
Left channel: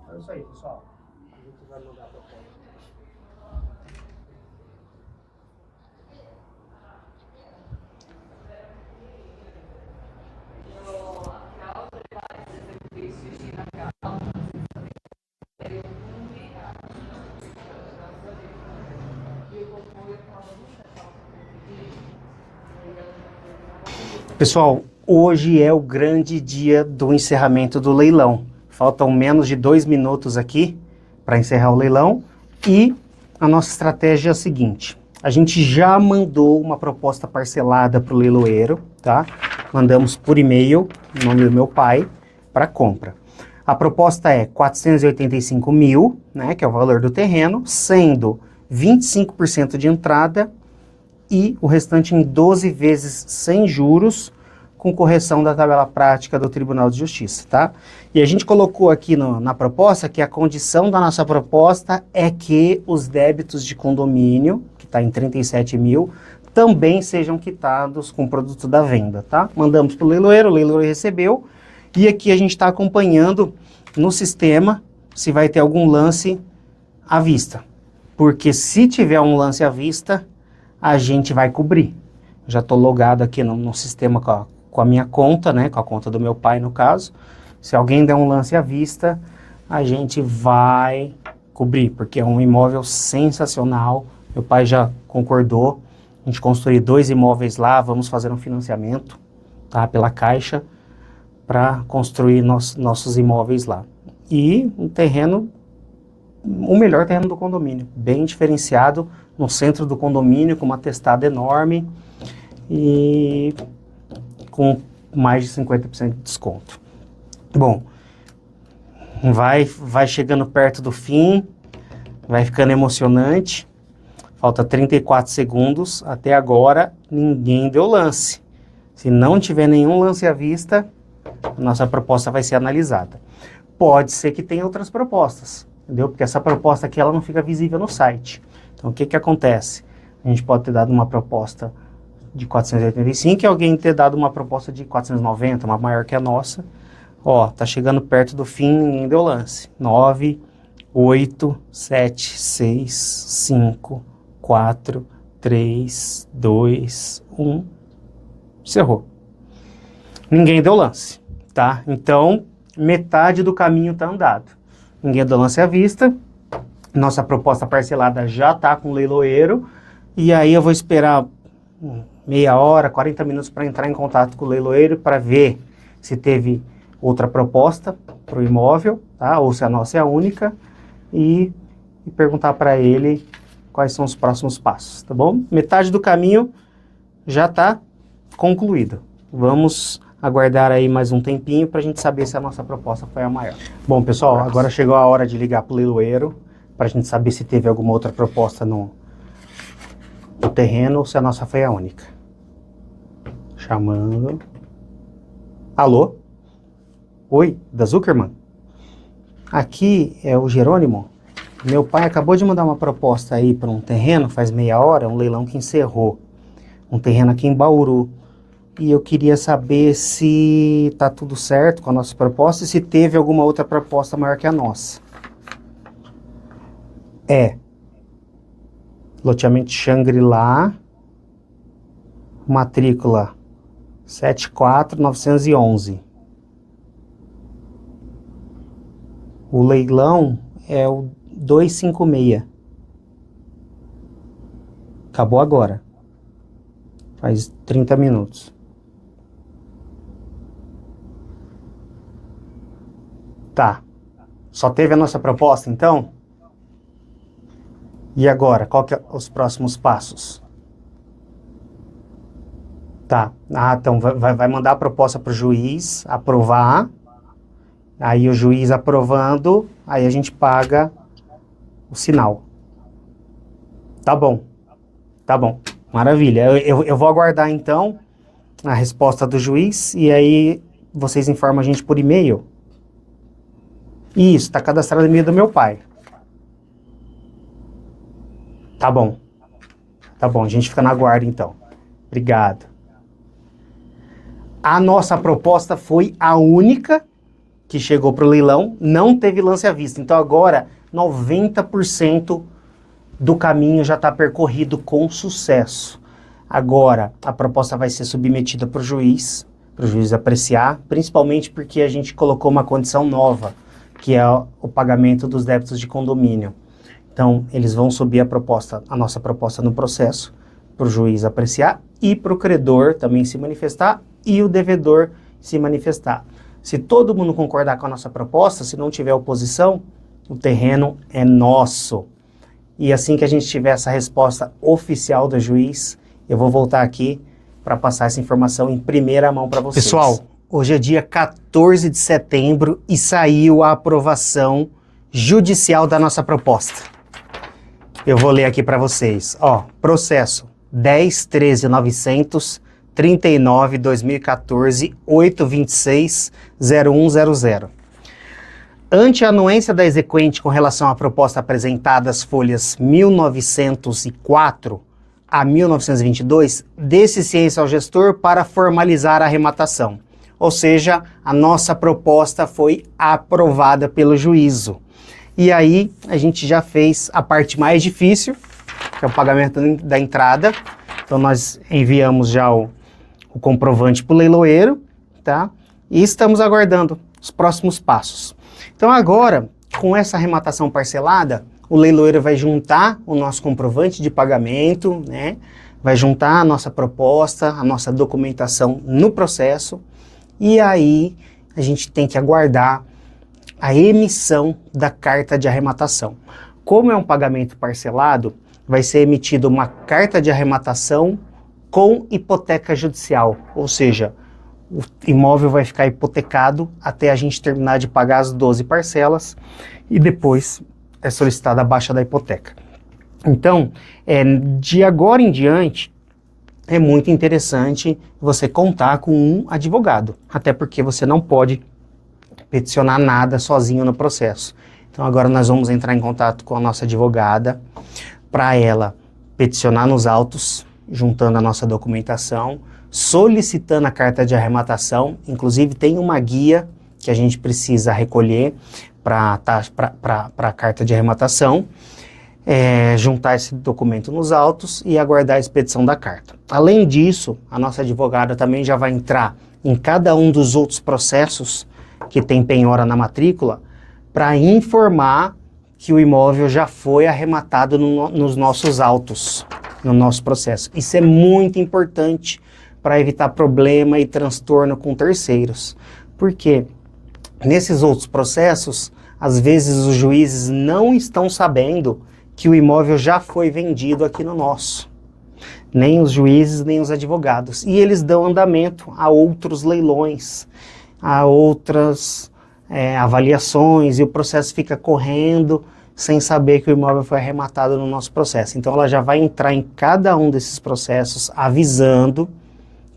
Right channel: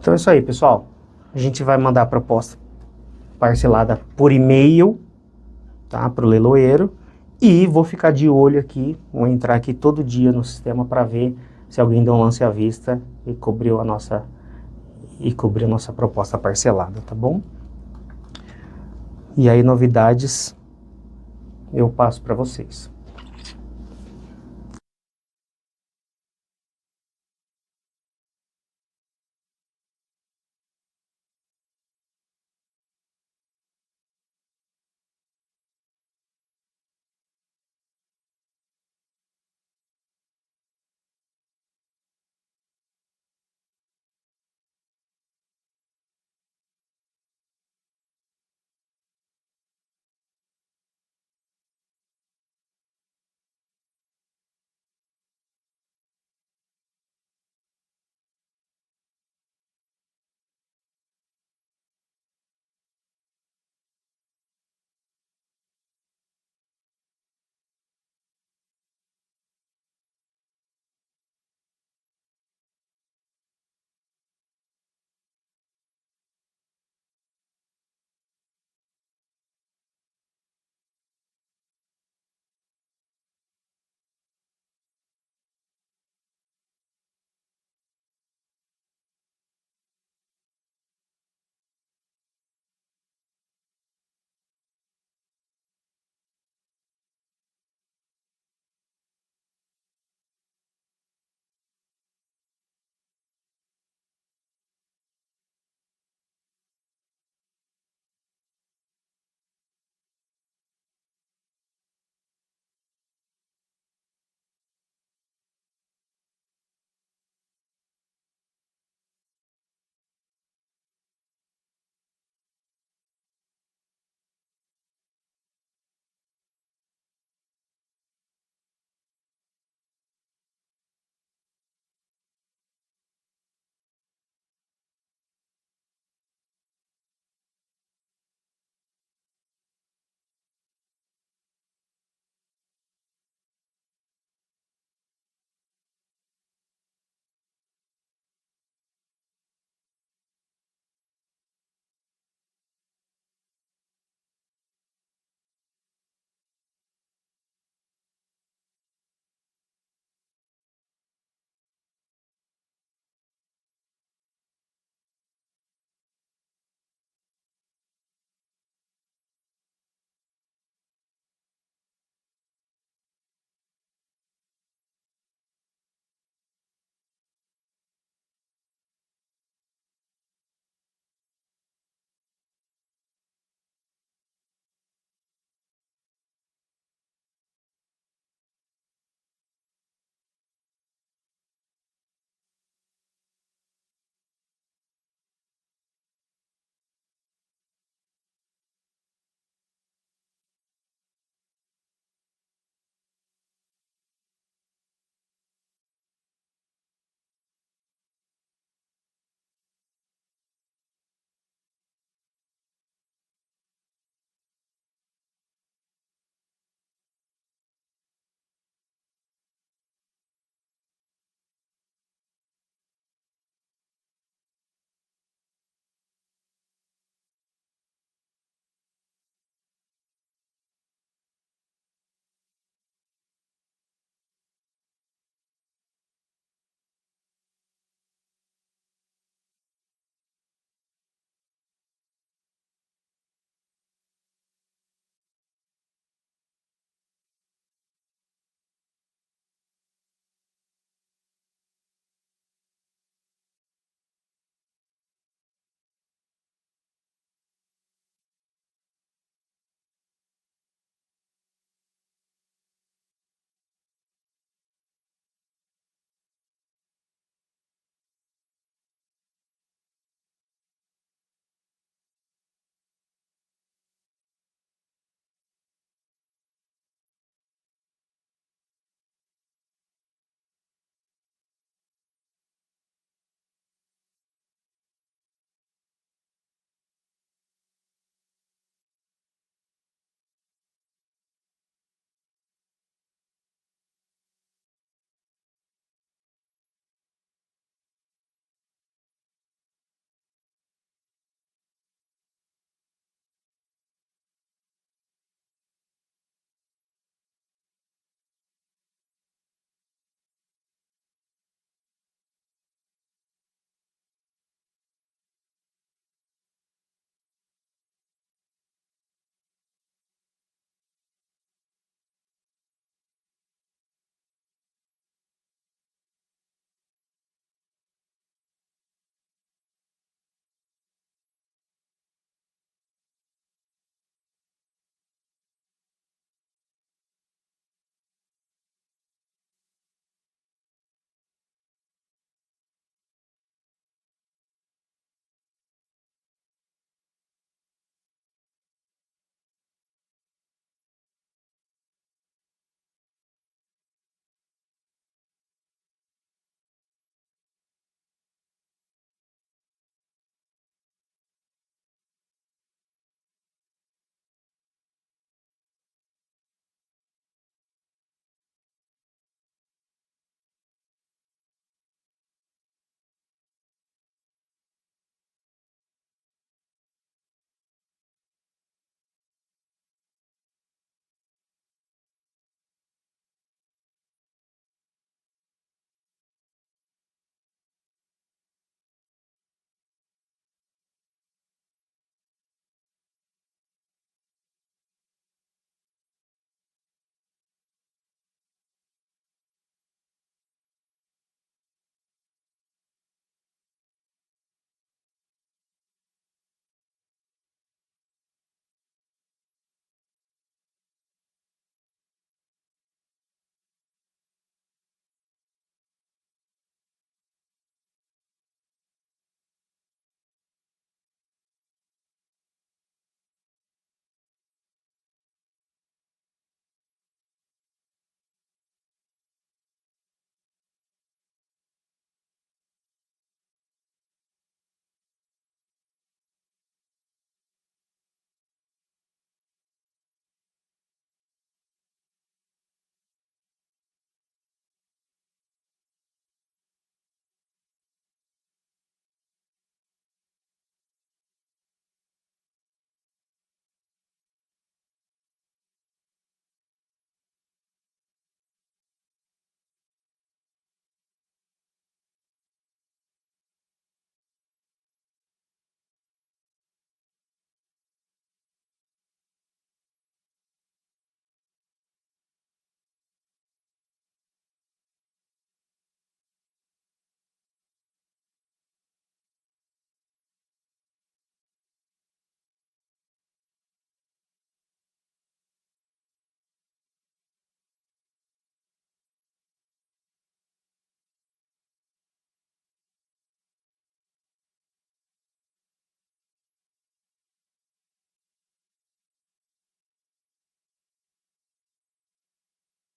Então é isso aí, pessoal. A gente vai mandar a proposta parcelada por e-mail, tá, para o leiloeiro. E vou ficar de olho aqui, vou entrar aqui todo dia no sistema para ver se alguém deu um lance à vista e cobriu a nossa proposta parcelada, tá bom? E aí, novidades, eu passo para vocês. Pessoal, hoje é o grande dia do encerramento do leilão. Faltam menos de 2 minutos aqui para encerrar o leilão. E a nossa estratégia é a seguinte: a gente já mandou uma proposta parcelada para o leiloeiro, tá? Mandamos por e-mail, em nome do meu pai, para compra. A proposta é 485 mil, né, que é o valor do terreno, sendo 25% de entrada e o restante em 12 vezes sem juros, com correção da tabela prática do Tribunal de Justiça, tá? E a gente colocou aqui na proposta que a condição da nossa proposta é que os débitos de condomínio, que está em 37 mil, também sejam quitados com o produto da venda, tá? Mandamos para o leiloeiro recebeu, e aqui a gente está acompanhando no sistema se vai ter algum lance à vista. Porque se tiver um lance à vista, a gente vai cobrir. Já estou logado aqui no sistema com a minha conta, né? Com a conta do meu pai, no caso. Se alguém der um lance à vista, a gente vai cobrir, porque é um imóvel sensacional. Meu pai já concordou. A gente construiu 2 imóveis lá, vamos fazer um financiamento, tá? Pela Caixa, para construir nossos imóveis lá. E um terreno, o melhor terreno do condomínio, bem diferenciado, no centro do condomínio, com uma testada enorme. e com mais de 50% de desconto. Bom, vai chegando perto do fim, vai ficando emocionante. Falta 34 segundos. Até agora, ninguém deu lance. Se não tiver nenhum lance à vista, a nossa proposta vai ser analisada. Pode ser que tenha outras propostas, entendeu? Porque essa proposta aqui ela não fica visível no site. Então, o que que acontece? A gente pode ter dado uma proposta de 485 e alguém ter dado uma proposta de 490, uma maior que a nossa. Ó, tá chegando perto do fim, ninguém deu lance. 9, 8, 7, 6, 5, 4, 3, 2, 1. Encerrou. Ninguém deu lance, tá? Então, metade do caminho tá andado. Ninguém deu lance à vista. Nossa proposta parcelada já tá com o leiloeiro. E aí eu vou esperar meia hora, 40 minutos para entrar em contato com o leiloeiro para ver se teve outra proposta para o imóvel, tá? Ou se a nossa é a única, e perguntar para ele quais são os próximos passos, tá bom? Metade do caminho já está concluído. Vamos aguardar aí mais um tempinho para a gente saber se a nossa proposta foi a maior. Bom, pessoal, agora chegou a hora de ligar para o leiloeiro para a gente saber se teve alguma outra proposta no terreno ou se a nossa foi a única. Chamando. Alô? Oi, da Zuckerman? Aqui é o Jerônimo. Meu pai acabou de mandar uma proposta aí para um terreno, faz meia hora, um leilão que encerrou. Um terreno aqui em Bauru. E eu queria saber se tá tudo certo com a nossa proposta e se teve alguma outra proposta maior que a nossa. É. Loteamento Shangri-La. Matrícula 74911. O leilão é o 256. Acabou agora. Faz 30 minutos. Tá. Só teve a nossa proposta, então? E agora? Qual que é os próximos passos? Tá. Ah, então vai mandar a proposta para o juiz aprovar. Aí o juiz aprovando, aí a gente paga o sinal. Tá bom. Tá bom. Maravilha. Eu vou aguardar, então, a resposta do juiz e aí vocês informam a gente por e-mail. Isso, tá cadastrado no e-mail do meu pai. Tá bom. Tá bom, a gente fica na guarda, então. Obrigado. A nossa proposta foi a única que chegou para o leilão, não teve lance à vista. Então agora 90% do caminho já está percorrido com sucesso. Agora a proposta vai ser submetida para o juiz apreciar, principalmente porque a gente colocou uma condição nova, que é o pagamento dos débitos de condomínio. Então eles vão subir a nossa proposta no processo, para o juiz apreciar e para o credor também se manifestar e o devedor se manifestar. Se todo mundo concordar com a nossa proposta, se não tiver oposição, o terreno é nosso. E assim que a gente tiver essa resposta oficial do juiz, eu vou voltar aqui para passar essa informação em primeira mão para vocês. Pessoal, hoje é dia 14 de setembro e saiu a aprovação judicial da nossa proposta. Eu vou ler aqui para vocês. Ó, processo 10.13.900 39/2014 826/0100. Ante a anuência da exequente com relação à proposta apresentada às folhas 1904 a 1922, dê-se ciência ao gestor para formalizar a arrematação. Ou seja, a nossa proposta foi aprovada pelo juízo. E aí a gente já fez a parte mais difícil, que é o pagamento da entrada. Então nós enviamos já o comprovante para o leiloeiro, tá? E estamos aguardando os próximos passos. Então agora, com essa arrematação parcelada, o leiloeiro vai juntar o nosso comprovante de pagamento, né? Vai juntar a nossa proposta, a nossa documentação no processo, e aí a gente tem que aguardar a emissão da carta de arrematação. Como é um pagamento parcelado, vai ser emitida uma carta de arrematação com hipoteca judicial, ou seja, o imóvel vai ficar hipotecado até a gente terminar de pagar as 12 parcelas e depois é solicitada a baixa da hipoteca. Então, de agora em diante, é muito interessante você contar com um advogado, até porque você não pode peticionar nada sozinho no processo. Então agora nós vamos entrar em contato com a nossa advogada para ela peticionar nos autos, juntando a nossa documentação, solicitando a carta de arrematação. Inclusive tem uma guia que a gente precisa recolher para a carta de arrematação, juntar esse documento nos autos e aguardar a expedição da carta. Além disso, a nossa advogada também já vai entrar em cada um dos outros processos que tem penhora na matrícula para informar que o imóvel já foi arrematado nos nossos autos, no nosso processo. Isso é muito importante para evitar problema e transtorno com terceiros. Porque nesses outros processos, às vezes os juízes não estão sabendo que o imóvel já foi vendido aqui no nosso. Nem os juízes, nem os advogados. E eles dão andamento a outros leilões, a outras avaliações, e o processo fica correndo sem saber que o imóvel foi arrematado no nosso processo. Então ela já vai entrar em cada um desses processos avisando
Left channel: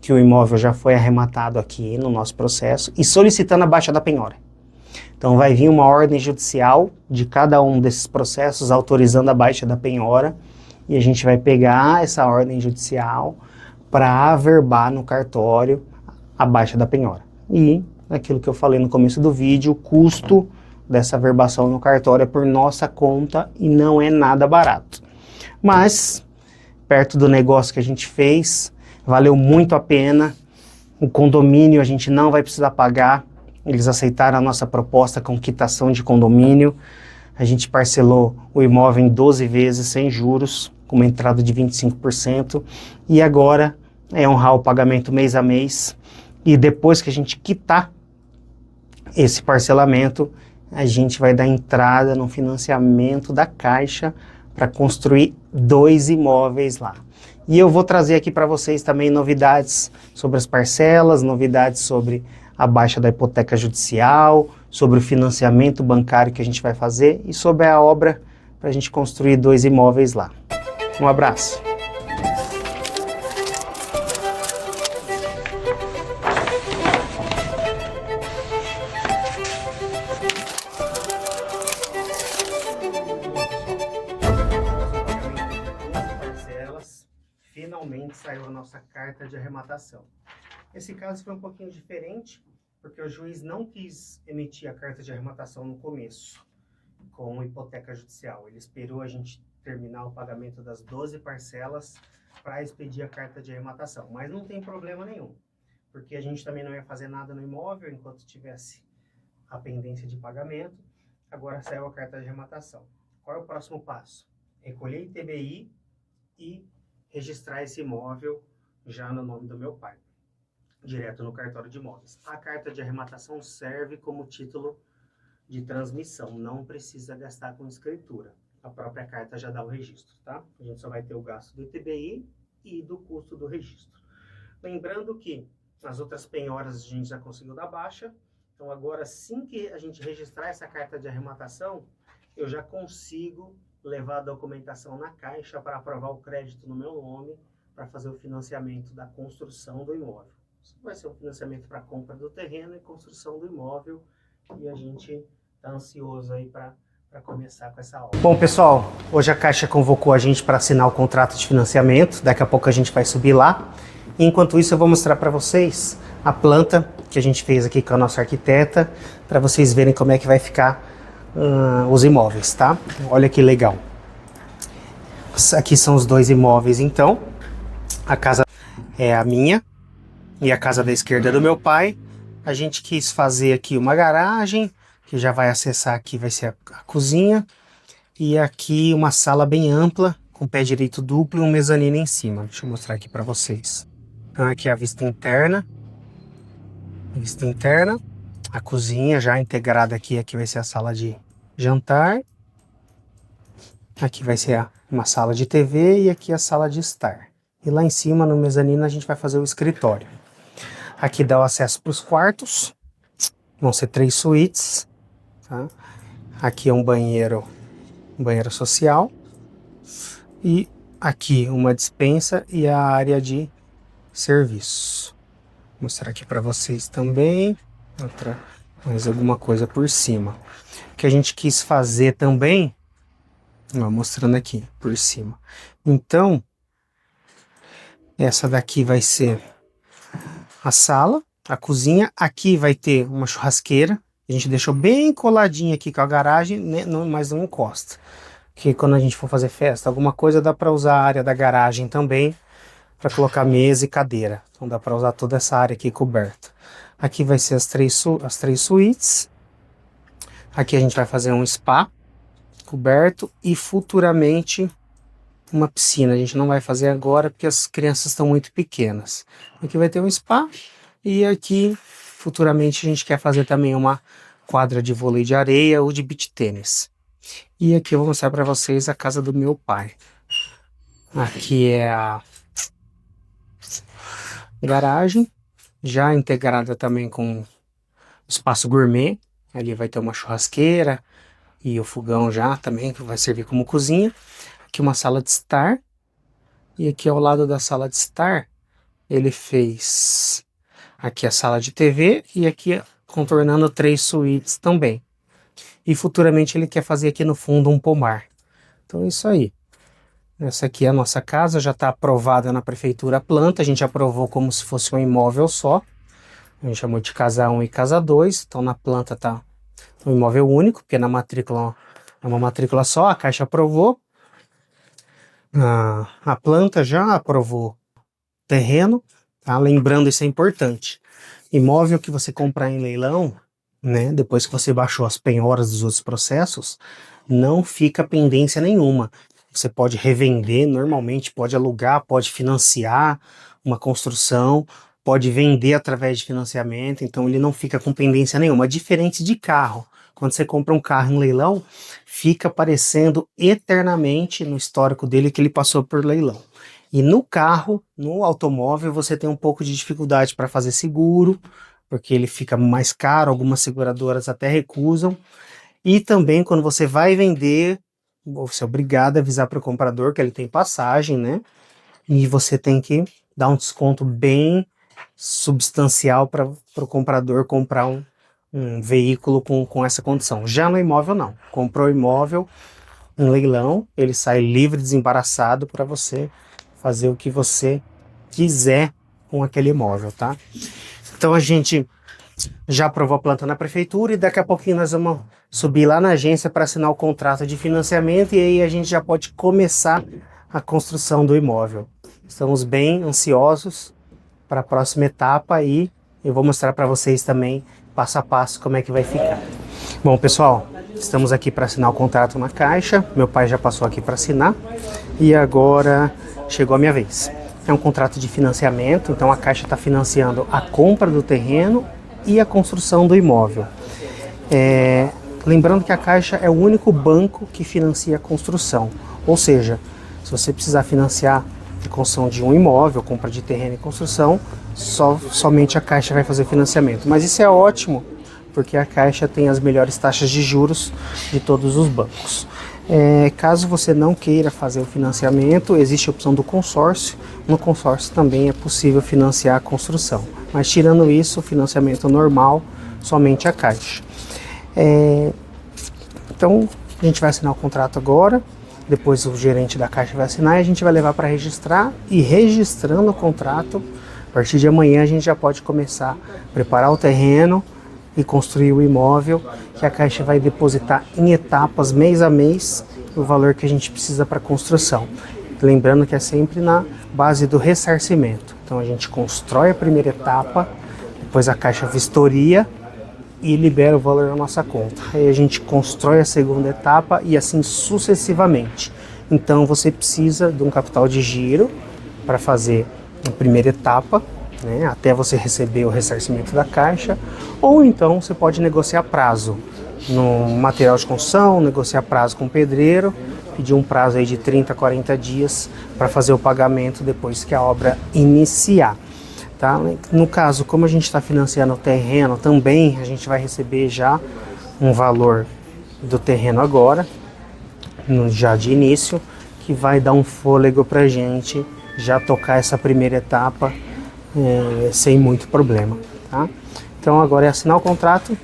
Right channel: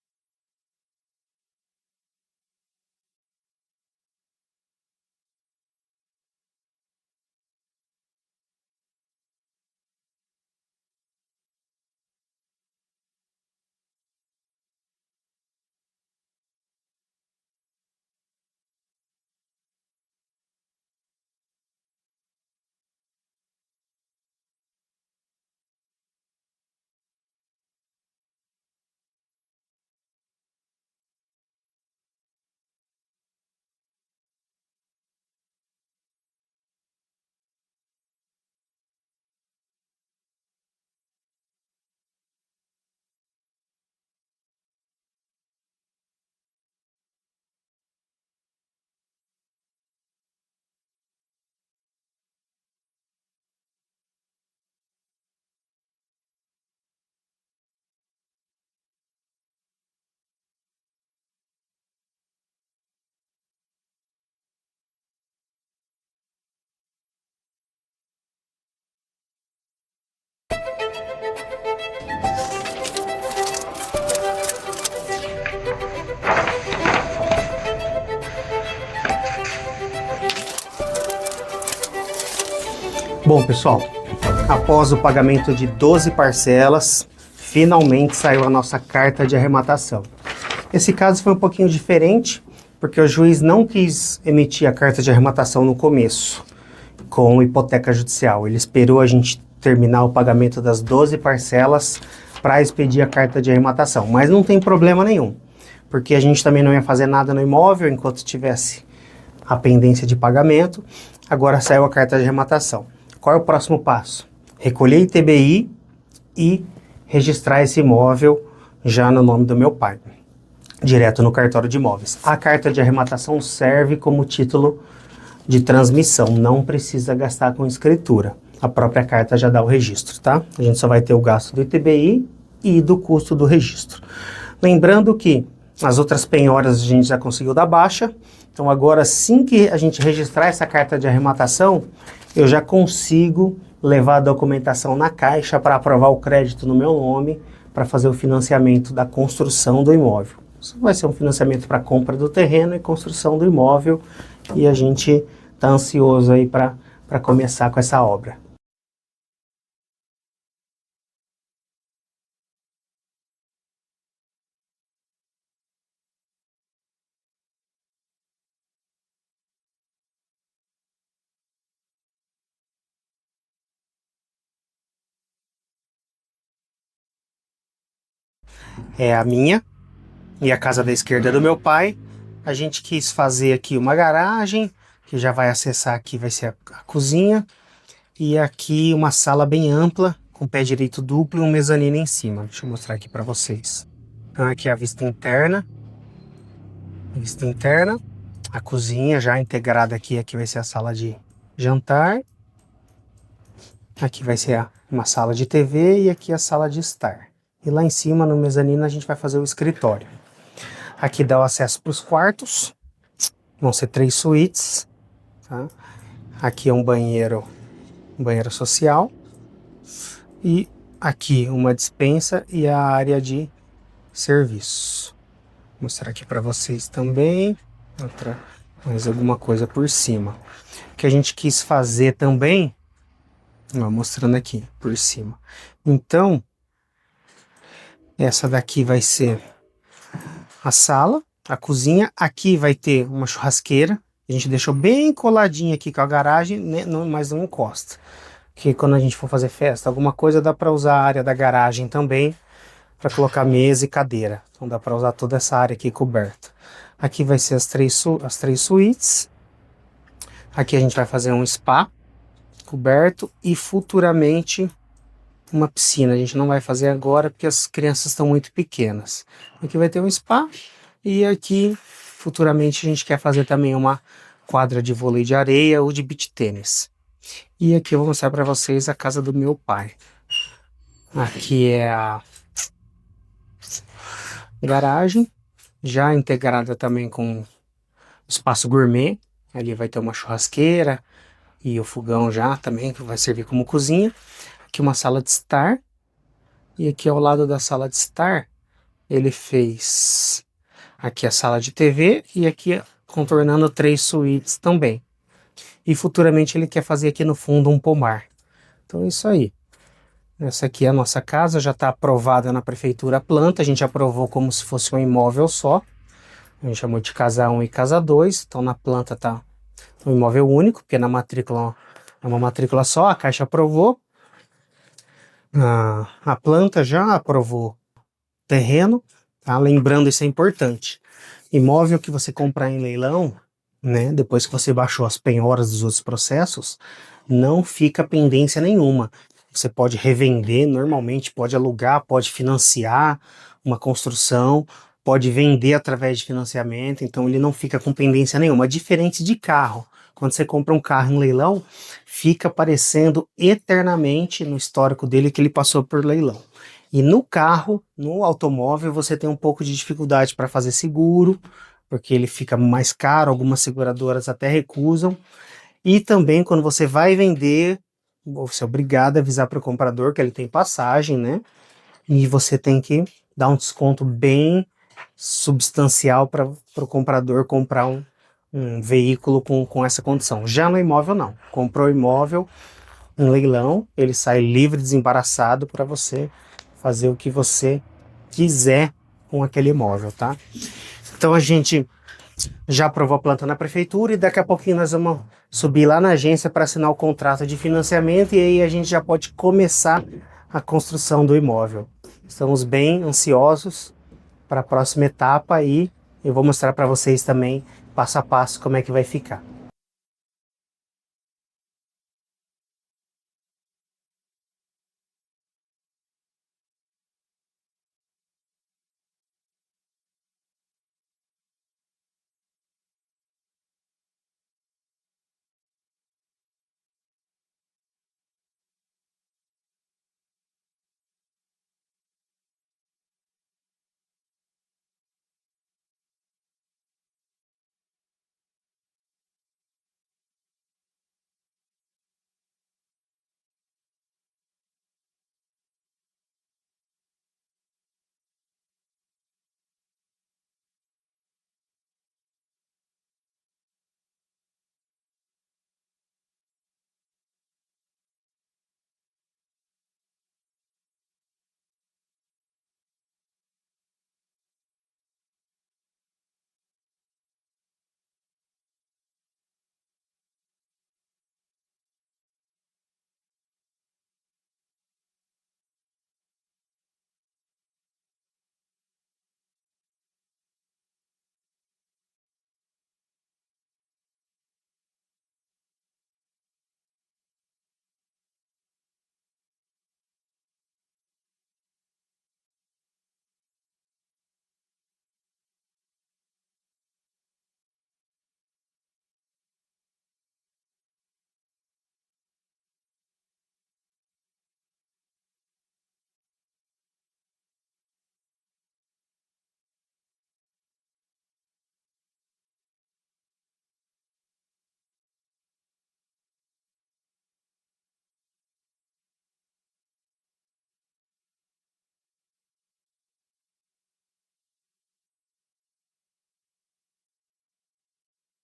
que o imóvel já foi arrematado aqui no nosso processo e solicitando a baixa da penhora. Então vai vir uma ordem judicial de cada um desses processos autorizando a baixa da penhora e a gente vai pegar essa ordem judicial para averbar no cartório a baixa da penhora. E aquilo que eu falei no começo do vídeo, o custo dessa averbação no cartório é por nossa conta e não é nada barato. Mas, perto do negócio que a gente fez, valeu muito a pena. O condomínio a gente não vai precisar pagar. Eles aceitaram a nossa proposta com quitação de condomínio. A gente parcelou o imóvel em 12 vezes sem juros, com uma entrada de 25%. E agora é honrar o pagamento mês a mês. E depois que a gente quitar esse parcelamento, a gente vai dar entrada no financiamento da Caixa para construir 2 imóveis lá. E eu vou trazer aqui para vocês também novidades sobre as parcelas, novidades sobre a baixa da hipoteca judicial, sobre o financiamento bancário que a gente vai fazer e sobre a obra para a gente construir 2 imóveis lá. Um abraço! Bom, pessoal, após o pagamento de 12 parcelas, finalmente saiu a nossa carta de arrematação. Esse caso foi um pouquinho diferente, porque o juiz não quis emitir a carta de arrematação no começo, com hipoteca judicial. Ele esperou a gente terminar o pagamento das 12 parcelas para expedir a carta de arrematação. Mas não tem problema nenhum, porque a gente também não ia fazer nada no imóvel enquanto tivesse a pendência de pagamento. Agora saiu a carta de arrematação. Qual é o próximo passo? Recolher ITBI e registrar esse imóvel já no nome do meu pai, direto no cartório de imóveis. A carta de arrematação serve como título de transmissão, não precisa gastar com escritura. A própria carta já dá o registro, tá? A gente só vai ter o gasto do ITBI e do custo do registro. Lembrando que as outras penhoras a gente já conseguiu dar baixa, então agora assim que a gente registrar essa carta de arrematação, eu já consigo levar a documentação na Caixa para aprovar o crédito no meu nome para fazer o financiamento da construção do imóvel. Isso vai ser um financiamento para compra do terreno e construção do imóvel e a gente está ansioso aí para começar com essa obra. Bom, pessoal, hoje a Caixa convocou a gente para assinar o contrato de financiamento, daqui a pouco a gente vai subir lá. E enquanto isso eu vou mostrar para vocês a planta que a gente fez aqui com a nossa arquiteta, para vocês verem como é que vai ficar os imóveis, tá? Olha que legal. Aqui são os 2 imóveis, então. A casa é a minha e a casa da esquerda é do meu pai. A gente quis fazer aqui uma garagem, que já vai acessar aqui, vai ser a cozinha. E aqui uma sala bem ampla, com pé direito duplo e um mezanino em cima. Deixa eu mostrar aqui para vocês. Então aqui é a vista interna. Vista interna. A cozinha já integrada aqui vai ser a sala de jantar. Aqui vai ser uma sala de TV e aqui a sala de estar. e lá em cima, no mezanino, a gente vai fazer o escritório. Aqui dá o acesso para os quartos, vão ser 3 suítes, tá? Aqui é um banheiro social, e aqui uma despensa e a área de serviço. Vou mostrar aqui para vocês também, mais alguma coisa por cima. O que a gente quis fazer também, ó, mostrando aqui por cima. Então, essa daqui vai ser a sala, a cozinha. Aqui vai ter uma churrasqueira. A gente deixou bem coladinha aqui com a garagem, né, mas não encosta. Que quando a gente for fazer festa, alguma coisa, dá para usar a área da garagem também para colocar mesa e cadeira. Então dá para usar toda essa área aqui coberta. Aqui vai ser as três suítes. Aqui a gente vai fazer um spa coberto e futuramente uma piscina. A gente não vai fazer agora porque as crianças estão muito pequenas. Aqui vai ter um spa e aqui futuramente a gente quer fazer também uma quadra de vôlei de areia ou de beach tênis. E aqui eu vou mostrar para vocês a casa do meu pai. Aqui é a garagem, já integrada também com espaço gourmet. Ali vai ter uma churrasqueira e o fogão já também, que vai servir como cozinha. Aqui uma sala de estar. E aqui ao lado da sala de estar, ele fez aqui a sala de TV e aqui contornando 3 suítes também. E futuramente ele quer fazer aqui no fundo um pomar. Então é isso aí. Essa aqui é a nossa casa, já está aprovada na prefeitura a planta. A gente aprovou como se fosse um imóvel só. A gente chamou de casa 1 e casa 2. Então na planta está um imóvel único, porque na matrícula é uma matrícula só. A Caixa aprovou. A planta já aprovou terreno. Tá? Lembrando, isso é importante. Imóvel que você comprar em leilão, né, depois que você baixou as penhoras dos outros processos, não fica pendência nenhuma. Você pode revender normalmente, pode alugar, pode financiar uma construção, pode vender através de financiamento, então ele não fica com pendência nenhuma. Diferente de carro. Quando você compra um carro em leilão, fica aparecendo eternamente no histórico dele que ele passou por leilão. E no carro, no automóvel, você tem um pouco de dificuldade para fazer seguro, porque ele fica mais caro, algumas seguradoras até recusam. E também quando você vai vender, você é obrigado a avisar para o comprador que ele tem passagem, né? E você tem que dar um desconto bem substancial para o comprador comprar um veículo com essa condição. Já no imóvel não. Comprou o imóvel em leilão, ele sai livre, desembaraçado para você fazer o que você quiser com aquele imóvel, tá? Então a gente já aprovou a planta na prefeitura e daqui a pouquinho nós vamos subir lá na agência para assinar o contrato de financiamento e aí a gente já pode começar a construção do imóvel. Estamos bem ansiosos para a próxima etapa e eu vou mostrar para vocês também passo a passo como é que vai ficar. Bom, pessoal, estamos aqui para assinar o contrato na Caixa. Meu pai já passou aqui para assinar e agora chegou a minha vez. É um contrato de financiamento, então a Caixa está financiando a compra do terreno e a construção do imóvel. Lembrando que a Caixa é o único banco que financia a construção, ou seja, se você precisar financiar a construção de um imóvel, compra de terreno e construção, somente a Caixa vai fazer financiamento. Mas isso é ótimo, porque a Caixa tem as melhores taxas de juros de todos os bancos. Caso você não queira fazer o financiamento, existe a opção do consórcio. No consórcio também é possível financiar a construção. Mas tirando isso, o financiamento normal, somente a Caixa. Então, a gente vai assinar o contrato agora. Depois o gerente da Caixa vai assinar e a gente vai levar para registrar. E registrando o contrato, a partir de amanhã a gente já pode começar a preparar o terreno e construir o imóvel, que a Caixa vai depositar em etapas, mês a mês, o valor que a gente precisa para a construção. Lembrando que é sempre na base do ressarcimento. Então a gente constrói a primeira etapa, depois a Caixa vistoria e libera o valor na nossa conta. Aí a gente constrói a segunda etapa e assim sucessivamente. Então você precisa de um capital de giro para fazer a primeira etapa, né, até você receber o ressarcimento da Caixa, ou então você pode negociar prazo no material de construção, negociar prazo com o pedreiro pedir um prazo aí de 30 a 40 dias para fazer o pagamento depois que a obra iniciar. Tá? No caso, como a gente está financiando o terreno, também a gente vai receber já um valor do terreno agora, já de início, que vai dar um fôlego para a gente já tocar essa primeira etapa sem muito problema. Tá? Então agora é assinar o contrato,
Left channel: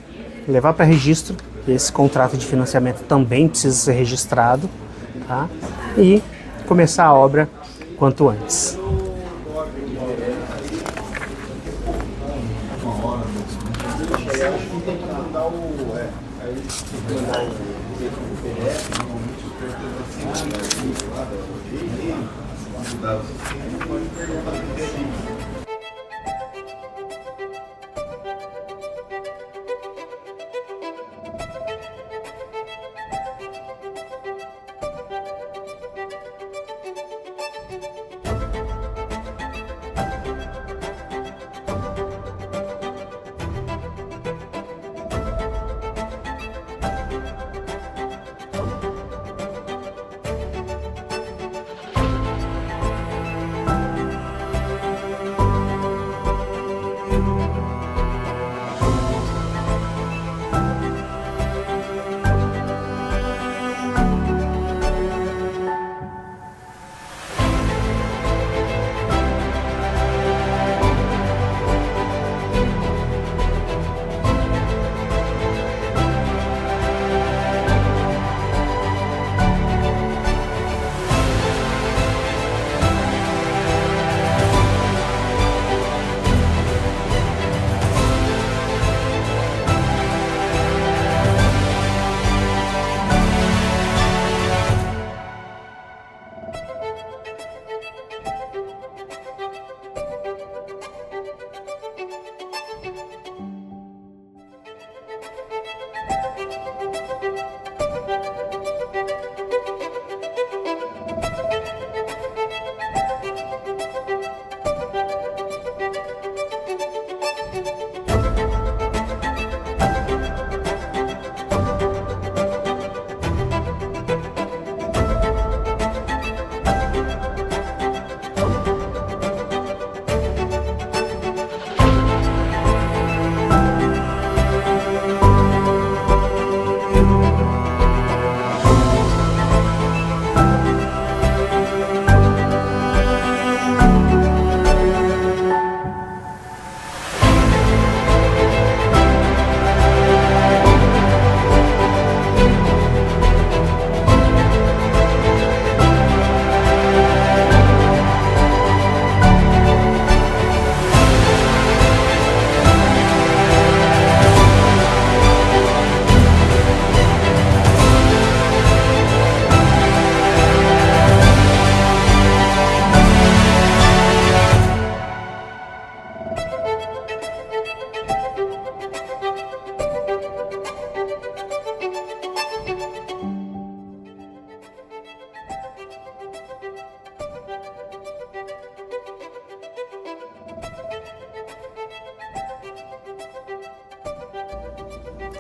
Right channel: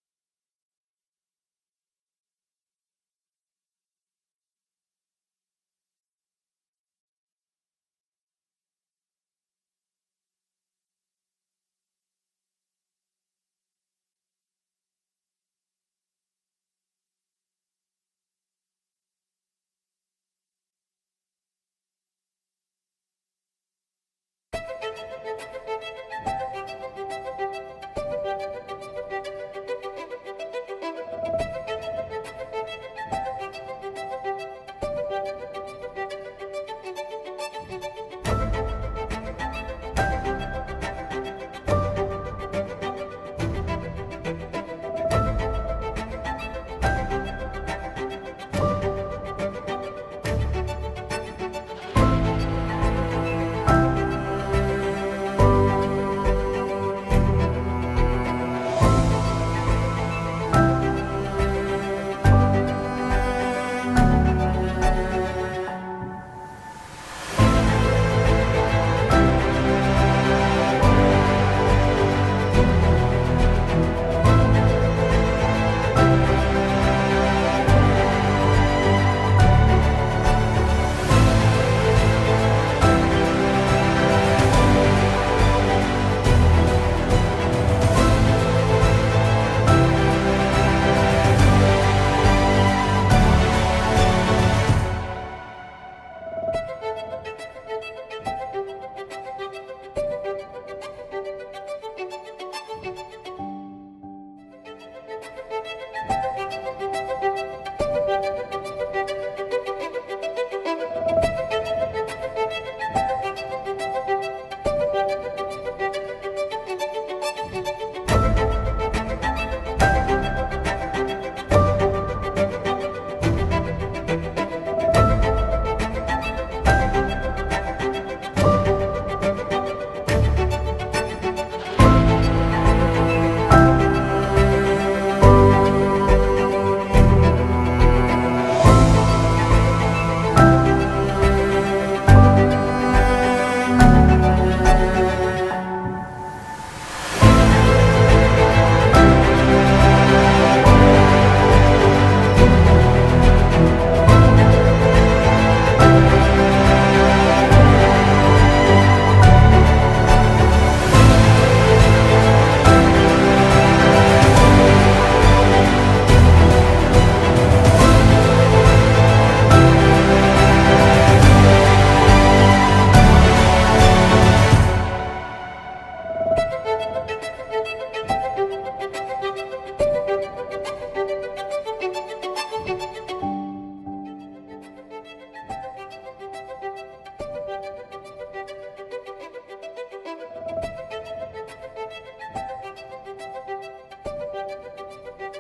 levar para registro. Esse contrato de financiamento também precisa ser registrado, tá? E começar a obra quanto antes.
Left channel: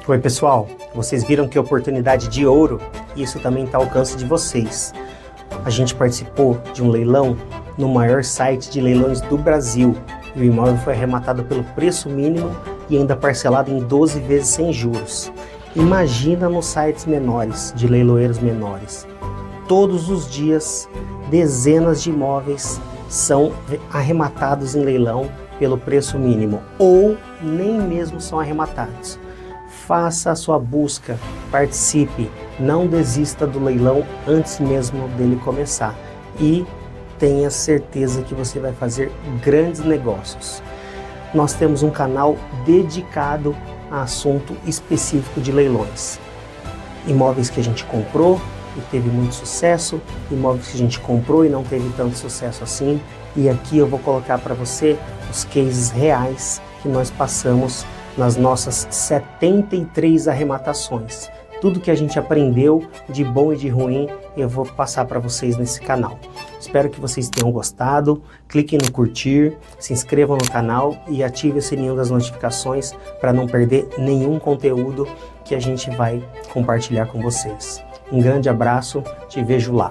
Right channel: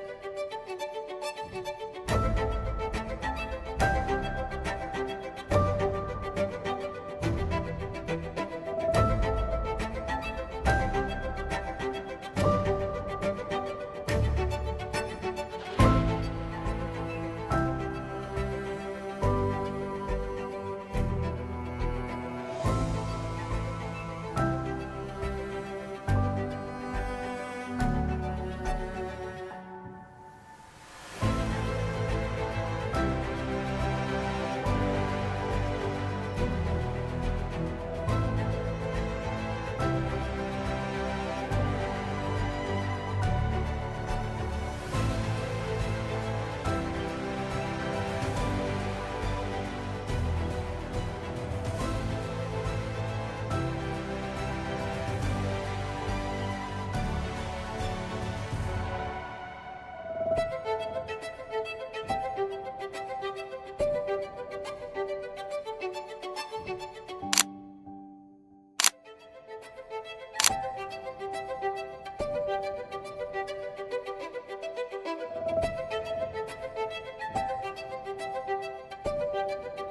Oi pessoal, vocês viram que oportunidade de ouro? Isso também está ao alcance de vocês. A gente participou de um leilão no maior site de leilões do Brasil. O imóvel foi arrematado pelo preço mínimo e ainda parcelado em 12 vezes sem juros. Imagina nos sites menores, de leiloeiros menores. Todos os dias, dezenas de imóveis são arrematados em leilão pelo preço mínimo ou nem mesmo são arrematados. Faça a sua busca, participe, não desista do leilão antes mesmo dele começar e tenha certeza que você vai fazer grandes negócios. Nós temos um canal dedicado a assunto específico de leilões. Imóveis que a gente comprou e teve muito sucesso, imóveis que a gente comprou e não teve tanto sucesso assim, e aqui eu vou colocar para você os cases reais que nós passamos nas nossas 73 arrematações. Tudo que a gente aprendeu de bom e de ruim eu vou passar para vocês nesse canal. Espero que vocês tenham gostado. Cliquem no curtir, se inscrevam no canal e ative o sininho das notificações para não perder nenhum conteúdo que a gente vai compartilhar com vocês. Um grande abraço, te vejo lá.